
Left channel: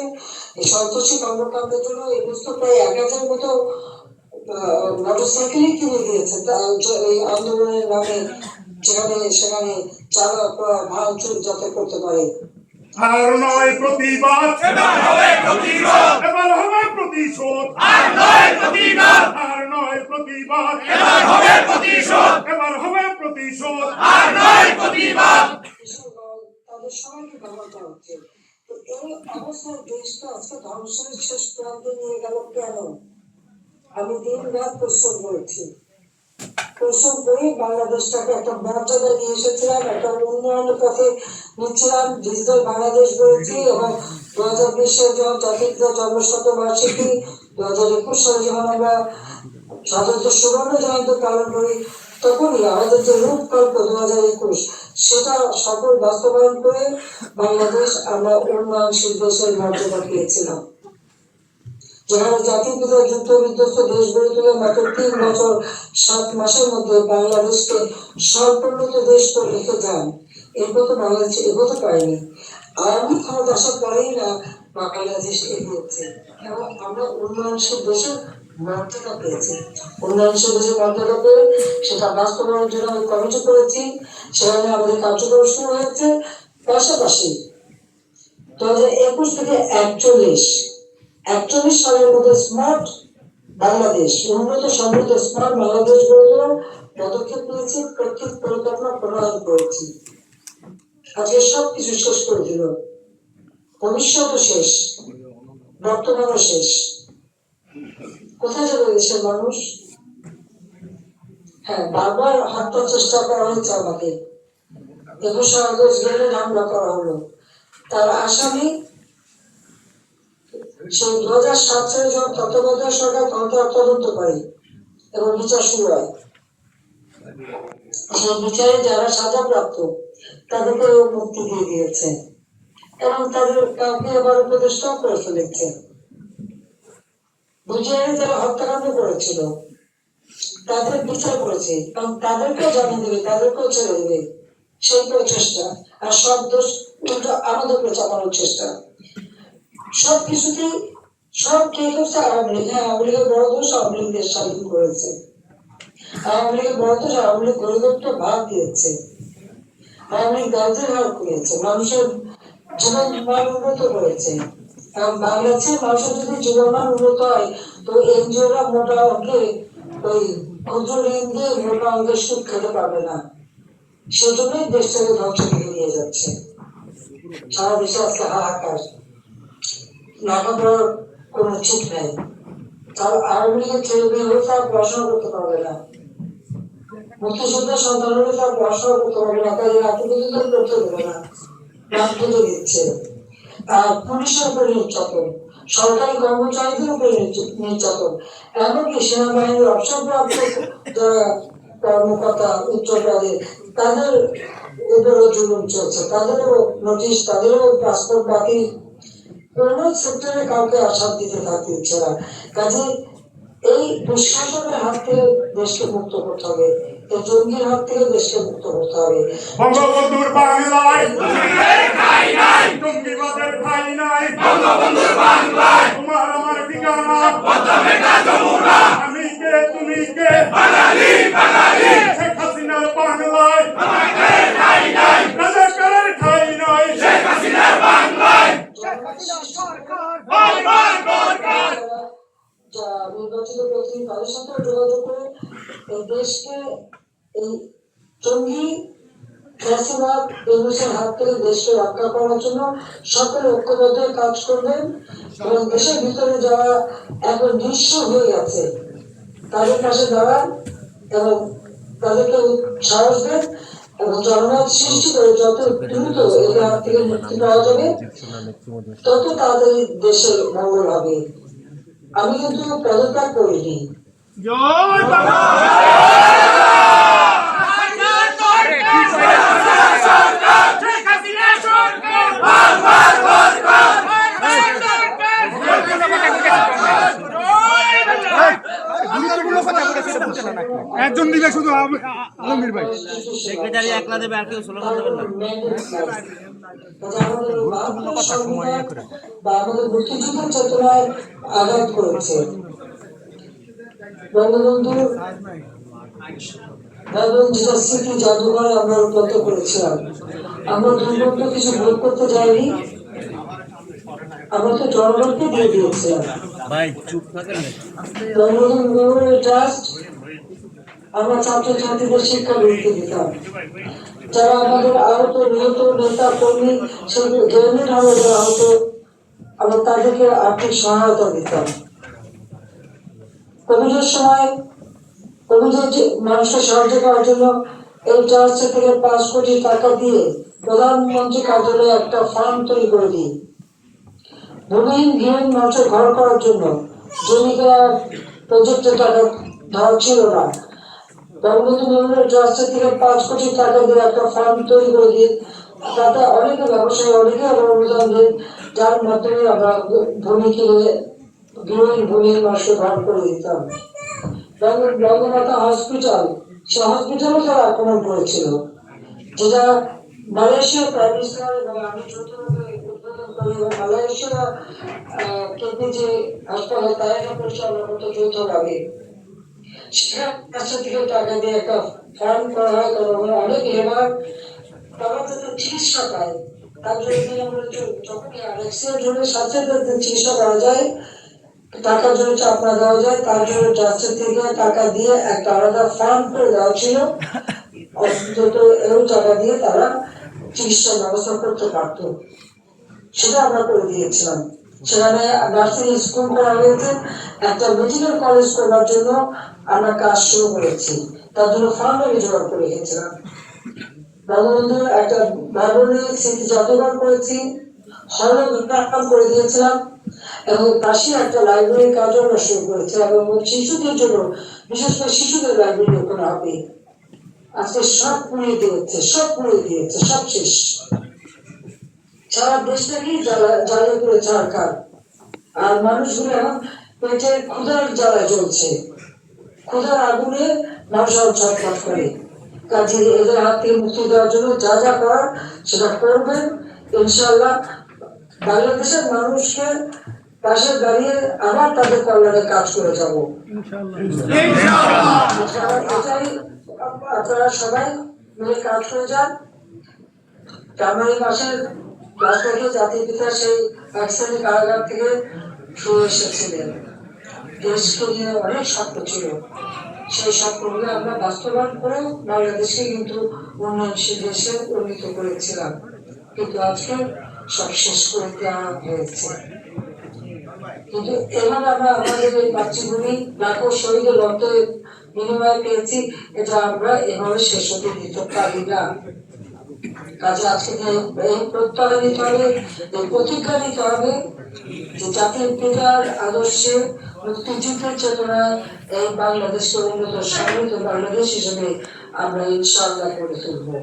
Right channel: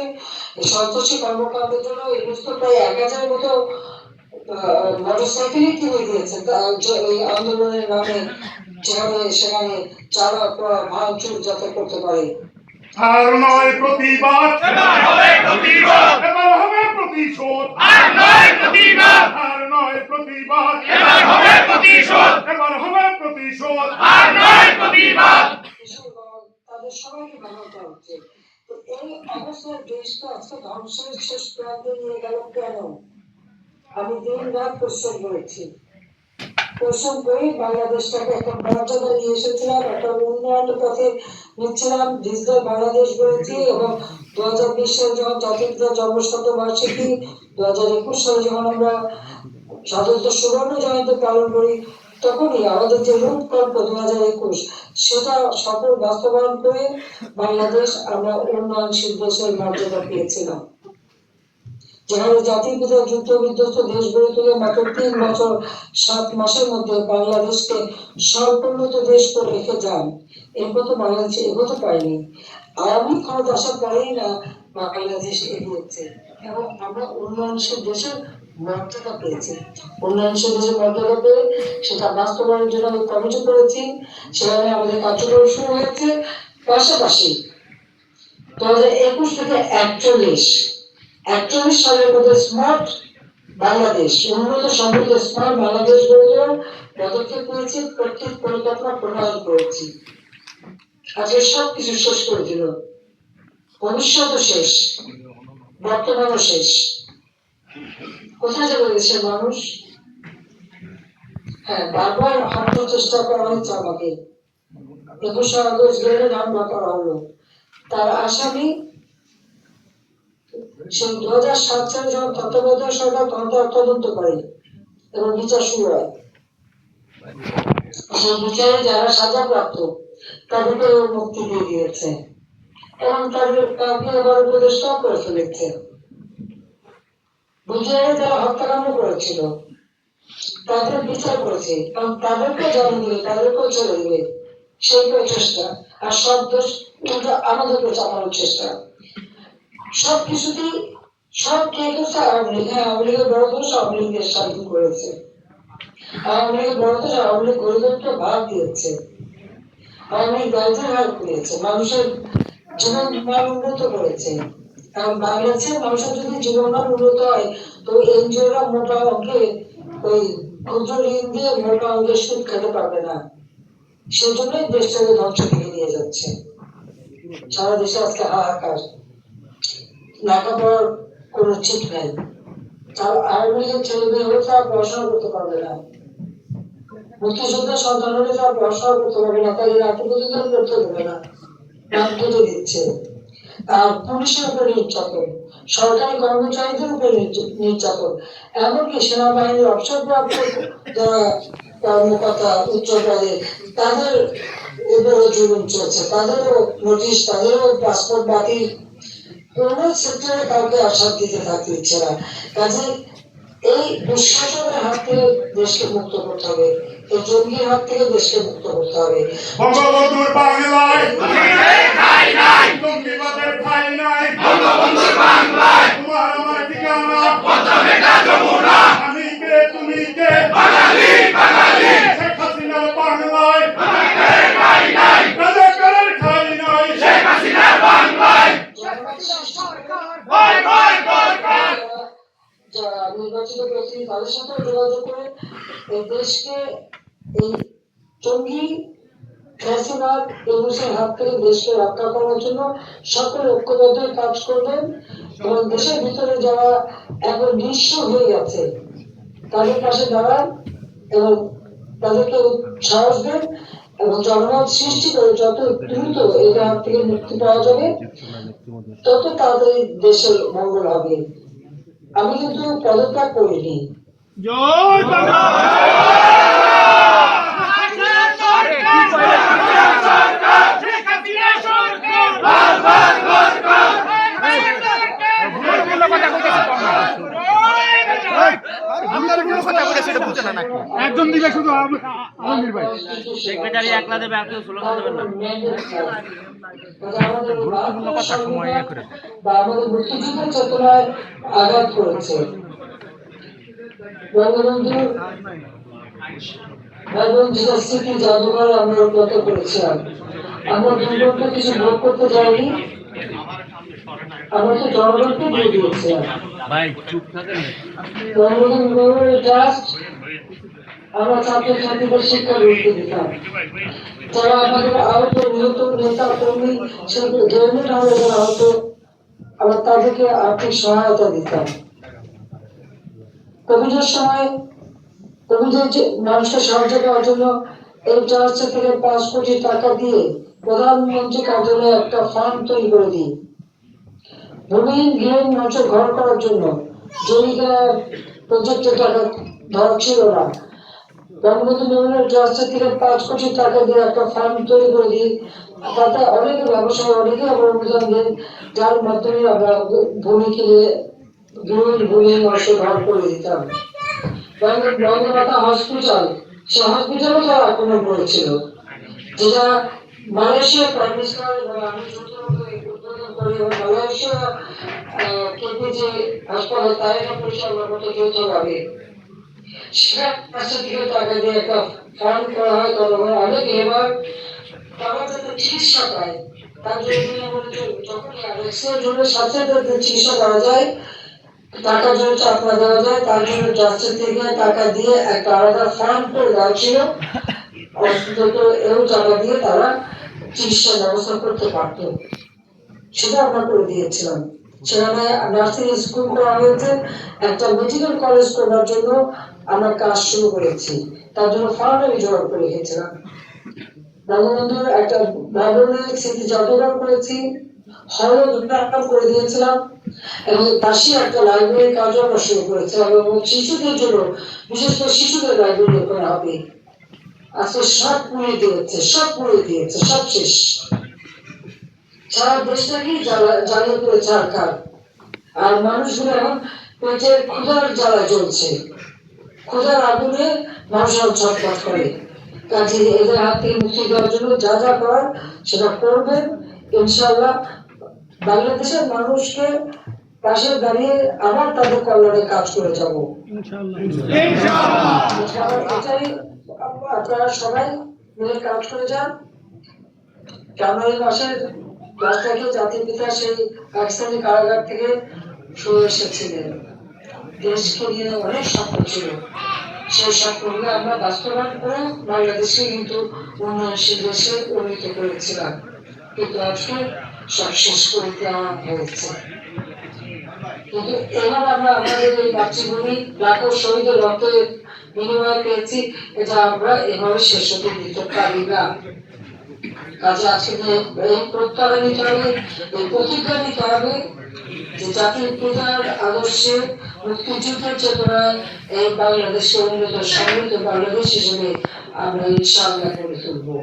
এই সন্ত্রাসী কর্মকাণ্ডের জন্য, এই বুঝতে প্রায় 1000 মতো মোটরসাইকেলই কিনে দিয়েছে এই আন্দোলনের নামে, যেখানে সেখানে চালা ভাঙচুর যাতে করতে পারে। আর নয় প্রতিবাদ, এবার হবে প্রতিবাদ, এবার হবে প্রতিশোধ, আর নয় প্রতিবাদ, আর নয় প্রতিবাদ, এবার হবে প্রতিশোধ, এবার হবে প্রতিশোধ, আর নয় প্রতিবাদ। তাদের সবাইকে ব্যবহার করা হচ্ছে। তো এই অবস্থায় দেশটা আজকে ধ্বংসের শেষ প্রান্তে নিয়ে গেল কেন? আমি দিন রাত পরিশ্রম করেছি, পরিশ্রম করে বাংলাদেশটাকে একটা মর্যাদা নিয়ে এসেছিলাম, একটা উন্নয়নের পথে নিচ্ছিলাম, ডিজিটাল বাংলাদেশ গড়েছি। এবং 2020 সালে যখন জাতির পিতা জন্মশতবার্ষিকী, 2021 সালে যখন আমরা স্বাধীনতা সুবর্ণ জয়ন্তী পালন করি, তখনই আমাদের যে রূপকল্প 2021 সেটা সফল বাস্তবায়ন করে বাংলাদেশ আমরা উন্নয়নশীল দেশের মর্যাদা পেয়েছিলাম। যেখানে জাতির পিতা যুদ্ধ বিধ্বস্ত দেশ গড়ে তুলে মাত্র 3 বছর 7 মাসের মধ্যে বাংলাদেশকে সর্বোন্নত দেশ করে রেখে যান, এরপর তো বাংলাদেশ এগোতে পারেনি। আওয়ামী ক্ষমতা আসার পরেই না বাংলাদেশ এগিয়েছে এবং আমরা উন্নয়নশীল দেশের মর্যাদা পেয়েছি। উন্নয়নশীল দেশের মর্যাদা পেয়ে সেটা বাস্তবায়নের জন্য আমি কমিটি করেছি, সেখানে আমাদের কার্যক্রম শুরু হয়েছে। পাশাপাশি 2021 থেকে 41 সালের মধ্যে স্মার্ট বাংলাদেশ, উন্নত সমৃদ্ধ স্মার্ট বাংলাদেশ গড়ে তোলার পদক্ষেপ নিয়েছি, প্রত্যেক পরিকল্পনা প্রণয়ন করেছি। আজকে সবকিছু শেষ করে দিল, ভবিষ্যৎও শেষ, বর্তমানও শেষ। কোথায় যাবে দেশের মানুষ? হ্যাঁ, বারবার হত্যার চেষ্টা করা হয়েছে আমাকে, 21 আগস্ট গেলে হামলা করা হলো, তার আসামি সেই 2007 সালে যখন তত্ত্বাবধায়ক সরকার তদন্ত করে এবং বিচার শুরু হয়, সেই বিচারে যারা সাজাপ্রাপ্ত তাদেরকে মুক্তি দিয়ে দিয়েছে এবং তাদের কাউকে আবার উপদেষ্টাও করে ফেলেছে। বিচারে যারা হত্যাকাণ্ড করেছিল তাদের বিচার করেছে এবং তাদেরকেও জামিন দিবে, তাদেরকেও ছেড়ে দিবে, সেই প্রচেষ্টা। আর সব দোষ উল্টো আমাদেরকে চাপানোর চেষ্টা। সবকিছুতেই সব কে করছে? আওয়ামী লীগ। হ্যাঁ, আওয়ামী লীগের বড় দোষ আওয়ামী লীগ দেশ স্বাধীন করেছে। আওয়ামী লীগের বড় দোষ আওয়ামী লীগ গরিবত্ব ভাগ দিয়েছে, আওয়ামী লীগ দারিদ্র ভাগ করেছে, মানুষের জীবন মান উন্নত করেছে। কারণ বাংলাদেশের মানুষের যদি জীবন মান উন্নত হয় তো এনজিওরা মোটা অঙ্কে ওই ক্ষুদ্র ঋণ দিয়ে মোটা অঙ্কের সুদ খেতে পারবে না। সেজন্যই দেশটাকে ধ্বংসের দিকে নিয়ে যাচ্ছে। সারা দেশে আজকে হাহাকার, লেখাপড়ার কোনো ঠিক নেই। তার আওয়ামী লীগের ছেলে মেয়ে তারা পড়াশোনা করতে পারবে না, মুক্তিযোদ্ধার সন্তানরা তারা পড়াশোনা করতে পারবে না, তাদের আত্মপ্রতিষ্ঠান করতে দেবে না, রাজনীতি দিচ্ছে। আর পুলিশের উপরে নির্যাতন, সরকারি কর্মচারীদের উপরে নির্যাতন, এমনকি সেনাবাহিনীর অবসরপ্রাপ্ত যারা কর্মকর্তা উচ্চ পদে তাদের উপরও জুলুম চলছে, তাদেরও নোটিশ, তাদেরও পাসপোর্ট বাতিল। কোন সেক্টরে কাউকে আশ্বাস দিতে থাকতে ইচ্ছে না। কাজে এই দুঃশাসনের হাত থেকে দেশকে মুক্ত করতে হবে, এই জঙ্গির হাত থেকে দেশকে মুক্ত করতে হবে। বঙ্গবন্ধুর বাংলায় ঠাঁই নাই, জঙ্গিবাদের ঠাঁই নাই, বঙ্গবন্ধুর বাংলায় তোমার আমার ঠিকানা পদ্মা যমুনা, আমি কে তুমি কে, বাঙালি বাঙালি। শেখ হাসিনার বাংলায় ঠাঁই নাই, রাজাকারের ঠাঁই নাই, শেখ হাসিনার বাংলায় যারা নির্বাচিত প্রতিনিধি তাদের সাথে যোগাযোগ করে এই দেশকে এই জঙ্গি ফ্যাসিবাদ ইউনুসের হাত থেকে দেশকে রক্ষা করার জন্য সকলে ঐক্যবদ্ধ কাজ করবেন এবং দেশের ভিতরে যারা এখন নিঃস্ব হয়ে গেছে তাদের পাশে দাঁড়ান এবং তাদেরকে সাহস দেন এবং জনমত সৃষ্টি করে যত দ্রুত এদের হাত থেকে মুক্তি পাওয়া যাবে তত তাড়াতাড়ি দেশের মঙ্গল হবে। আমি কিন্তু পদত্যাগ করিনি, আরে কি কইলেন? গুরুত্বপূর্ণ কথা কইতেছে তো না। গুরুত্বপূর্ণ কথা কইতেছে এটা বুঝে না নাকি? একজন দিলে শুধু আলমগীর ভাই। সেক্রেটারি একলা দেবে আর কেউ স্লোগান দেবেন না। গুরুত্বপূর্ণ কথা সময় ইয়ে করে। বা আমাদের মুক্তিযুদ্ধের চেতনায় আঘাত করেছে। বঙ্গবন্ধুর যেটা স্মৃতি জাদুঘরে আমরা রূপান্তর করেছিলাম, আমরা দুর্গত কিছু ভোগ করতে যাইনি, আমরা তো জনগণকে দিয়ে দিয়েছিলাম। বঙ্গবন্ধু মেমোরিয়াল ট্রাস্ট আমরা ছাত্রছাত্রীদের শিক্ষা বৃত্তি দিতাম, যারা আমাদের আহত নিহত নেতা কর্মী গ্রেনেড হামলায় আহত আমরা তাদেরকে আর্থিক সহায়তা দিতাম। কোভিডের সময় কোভিডের মানুষকে সাহায্য করার জন্য এই ট্রাস্ট থেকে 5 কোটি টাকা দিয়ে প্রধানমন্ত্রী কার্যালয়ে একটা ফান্ড তৈরি করে দিই। ভূমিহীন গৃহহীন মানুষের ঘর করার জন্য জমিটা প্রজেক্টের টাকা ধরা ছিল না, বঙ্গবন্ধু মেমোরিয়াল ট্রাস্টের থেকে 5 কোটি টাকা দিয়ে একটা ফান্ড তৈরি করে দিই। তাতে অনেকে ব্যবসায়ী অনেকে আবার অনুদান দেন, যার মাধ্যমে আমরা ভূমি কিনে গৃহহীন ভূমিহীন মানুষের ঘর করে দিতাম। বঙ্গমাতা হসপিটাল, সে হসপিটালও তারা আক্রমণ করেছিল, যেটা মালয়েশিয়া প্রাইম মিনিস্টার এবং আমি যৌথভাবে উদ্বোধন করি এবং মালয়েশিয়া কিডনি যে হাসপাতাল তাই পরিচালনা করতে যৌথভাবে সেখানে থেকে টাকা দিয়ে একটা ফান্ড করা হয়। তখন অনেক লেবার তারা যাতে চিকিৎসা পায় তার জন্য যখন অ্যাক্সিডেন্ট হলে সাথে সাথে চিকিৎসা করা যায়, টাকার জন্য চাপ না দেওয়া যায়, তার জন্য ট্রাস্টের থেকে টাকা দিয়ে একটা আলাদা ফান্ড করে দেওয়া ছিল, অন্তত এও টাকা দিয়ে তারা চিকিৎসার ব্যবস্থা করতে পারত। সেটা আমরা করে দিয়েছিলাম। সেখানে নার্সিং স্কুল করা হয়েছে, একটা মেডিকেল কলেজ করার জন্য আমরা কাজ শুরু করেছি, তার জন্য ফান্ড আমি জোগাড় করে রেখেছিলাম। বঙ্গবন্ধুর একটা লাইব্রেরি স্মৃতি জাদুঘর করেছি, হল উন্নয়ন করে দিয়েছিলাম এবং পাশে একটা লাইব্রেরি কাজও আমরা শুরু করেছিলাম এবং শিশুদের জন্য বিশেষ করে শিশুদের লাইব্রেরি করা হবে। আজকে সব পুড়িয়ে দিয়েছে, সব পুড়িয়ে দিয়েছে, সব শেষ। সারা দেশটাকেই জ্বালিয়ে করে ছাড়খার, আর মানুষগুলো এখন পেটের ক্ষুধার জ্বালায় জ্বলছে, ক্ষুধার আগুনে মানুষ ছটফট করে। কাজে এদের হাত থেকে মুক্তি দেওয়ার জন্য যা যা করার সেটা করবেন ইনশাআল্লাহ। বাংলাদেশের মানুষকে পাশে দাঁড়িয়ে আবার তাদের কল্যাণে কাজ করে যাব এটাই। আপনারা সবাই মিলে কাজ করে যান। জানুয়ারি মাসের 10 তারিখে জাতির পিতা সেই পাকিস্তানি কারাগার থেকে সরে এসেছিলেন। দেশকে নিয়ে অনেক স্বপ্ন ছিল, সেই স্বপ্নগুলো আমরা বাস্তবায়ন করে বাংলাদেশকে কিন্তু উন্নয়নশীল দেশে উন্নীত করেছিলাম, কিন্তু আজকে সব শেষ করে দেওয়া হয়েছে। কিন্তু এবার আমরা আমাদের এই মাতৃভূমি লাখো শহীদের রক্তের বিনিময় পেয়েছি, এটা আমরা এভাবে শেষ হতে দিতে পারি না। কাজে আজকে এই প্রত্যয় নিতে হবে, এই প্রতিজ্ঞা নিতে হবে যে জাতির পিতার আদর্শে মুক্তিযুদ্ধের চেতনায় এই বাংলাদেশকে উন্নত সমৃদ্ধ বাংলাদেশ হিসেবে আমরা ইনশাআল্লাহ করে তুলবো।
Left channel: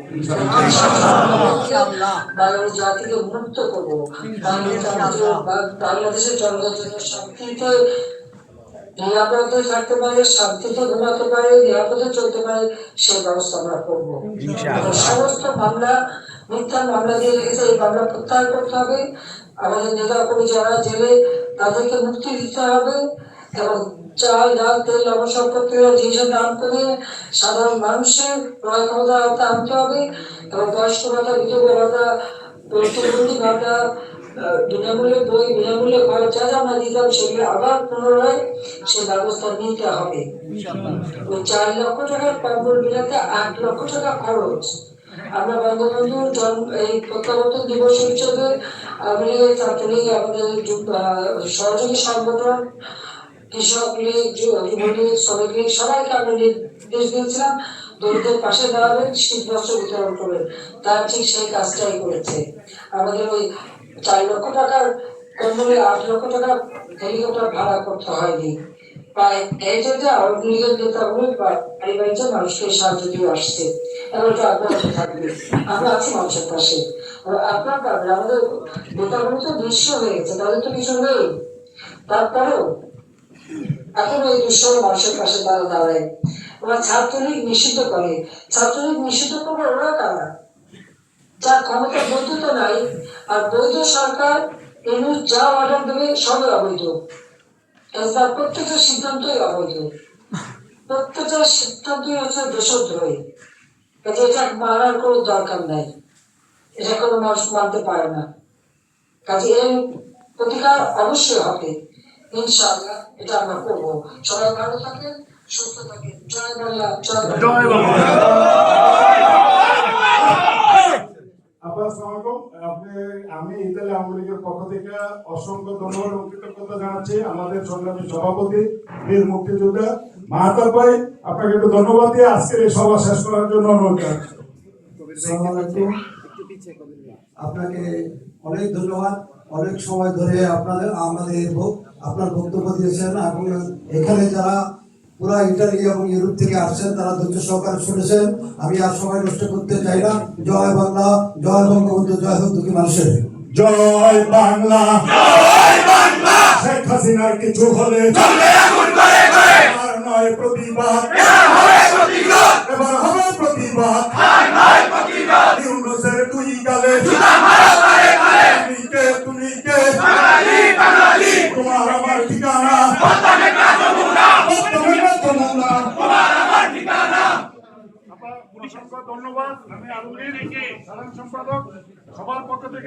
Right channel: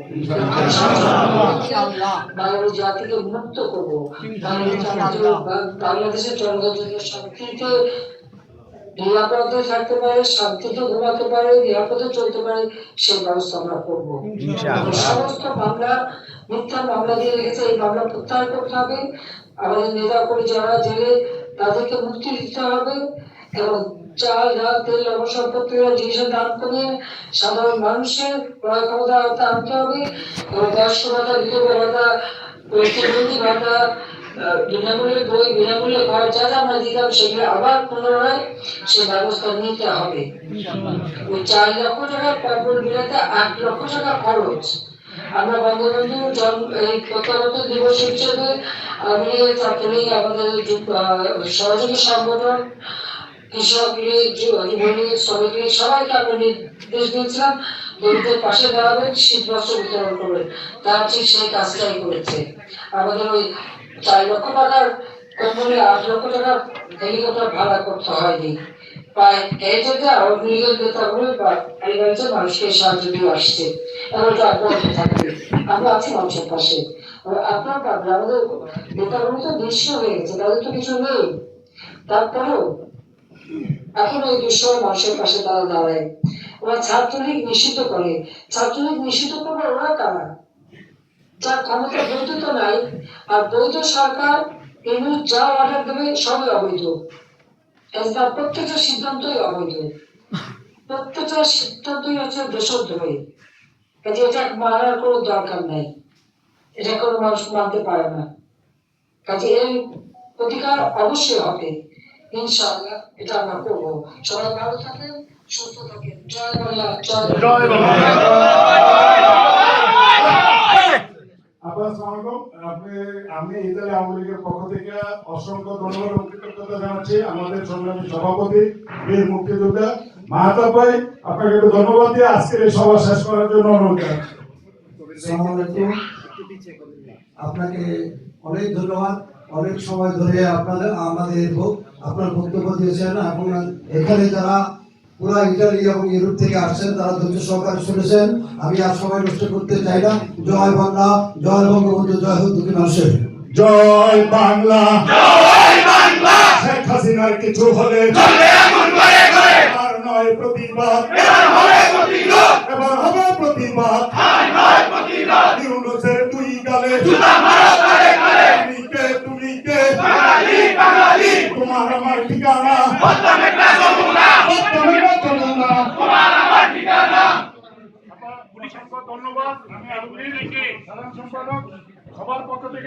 বাংলাদেশ জাতিকে মুক্ত করবো, বাংলাদেশের জনগণের শান্তিতে নিরাপদে থাকতে পারে, শান্তিতে ঘুমাতে পারে, নিরাপদে চলতে পারে, সেই ব্যবস্থা আমরা করবো। সমস্ত মামলা, মিথ্যা মামলা দিয়ে রেখেছে, এই মামলা প্রত্যাহার করতে হবে। আমাদের নেতা কর্মী যারা জেলে, তাদেরকে মুক্তি দিতে হবে এবং চাল, ডাল, তেল, লবণ সম্পত্তির জিনিসের দাম কমিয়ে সাধারণ মানুষের ক্রয় ক্ষমতা আনতে হবে এবং বয়স্ক ভাতা, বিধবা ভাতা, প্রতিবন্ধী ভাতা, বিনামূল্যে বই, বিনামূল্যে ঘর, যা যা আমরা দিতাম সেগুলো আবার পুনরায় সে ব্যবস্থা নিতে হবে। ওই 4 লক্ষ টাকা কম্বল বিলাতে 8 লক্ষ টাকা খরচ। আমরা বঙ্গবন্ধু এই প্রত্যাবর্তন দিবস হিসেবে আমি ছাত্রলীগ, আমাদের সহযোগী সংগঠন, কৃষক লীগ, যুবলীগ, শ্রমিক লীগ, সবাইকে আমরা নির্দেশ দিয়েছিলাম দরিদ্রের পাশে দাঁড়াবেন, শীত বস্ত্র বিতরণ করবেন। তার ঠিক সেই কাজটাই করেছে। আমাদের ওই 4 লক্ষ টাকার কম্বলে 8 লক্ষ টাকা হেলিকপ্টার ভাড়া করতে হয়নি। প্রায় এই যে আওয়ামী লীগের নেতাগুলো এই বাড়িতে মানুষকে সাহায্য দিয়ে আসছে, এবার তো আগ্রহ থাকবে। আমরা আছি মানুষের পাশে। আপনার কারণে আমাদের নেতাগুলো তো নিঃস্ব হয়ে গেছে, তাদের তো কিছু নেই, তারপরেও এখন এই দুঃসময় মানুষের পাশে তারা দাঁড়ায়। ওরা ছাত্রলীগ নিষিদ্ধ করে, ছাত্রলীগ নিষিদ্ধ করবে ওরা কারা? যার ক্ষমতা বৈধতা নাই, আর বৈধ সরকার এমনি যা অর্ডার দেবে সবই অবৈধ। প্রত্যেকটা সিদ্ধান্তই অবৈধ, প্রত্যেকটা সিদ্ধান্তই হচ্ছে দেশদ্রোহী। কাজে এটা মানার কোনো দরকার নাই, এটা কোনো মানুষ মানতে পারে না। কাজে এর প্রতিকার অবশ্যই হবে ইনশাআল্লাহ, এটা আমরা করবো। সবাই ভালো থাকেন, সুস্থ থাকেন। জয় বাংলা, জয় বাংলা। আমি ইতালি আওয়ামী লীগের পক্ষ থেকে অসংখ্য ধন্যবাদ এবং কৃতজ্ঞতা জানাচ্ছি আমাদের সংগ্রামী সভাপতি বীর মুক্তিযোদ্ধা মাহতাব ভাই, আপনাকে একটু ধন্যবাদ দিয়ে আজকের এই সভা শেষ করার জন্য অনুরোধ জানাচ্ছি। আসসালামু আলাইকুম। আপনাকে অনেক ধন্যবাদ, অনেক সময় ধরে আপনার বক্তব্য দিয়েছেন এবং এখানে যারা পুরা ইটালি এবং ইউরোপ থেকে আসছেন তারা ধৈর্য সহকারে শুনেছেন। আমি আর সময় নষ্ট করতে চাই না। জয় বাংলা, জয় বঙ্গবন্ধু, জয় হোক দুঃখী মানুষের। জয় বাংলা, জয় বাংলা। শেখ হাসিনার কিছু হলে আর নয় প্রতিবাদ, এবার হবে প্রতিবাদ, এবার হবে প্রতিবাদ, আর নয় প্রতিবাদ। ইউনূসের দুই গালে জুতা মারো গালে গালে, তুমি কে বাঙালি, বাঙালি। তোমার আমার ঠিকানা বদলামেটা যমুনা, বদলামেটা যমুনা, তোমার আমার ঠিকানা। অসংখ্য ধন্যবাদ। আমি আলমগীর সাধারণ সম্পাদক সবার পক্ষ থেকে।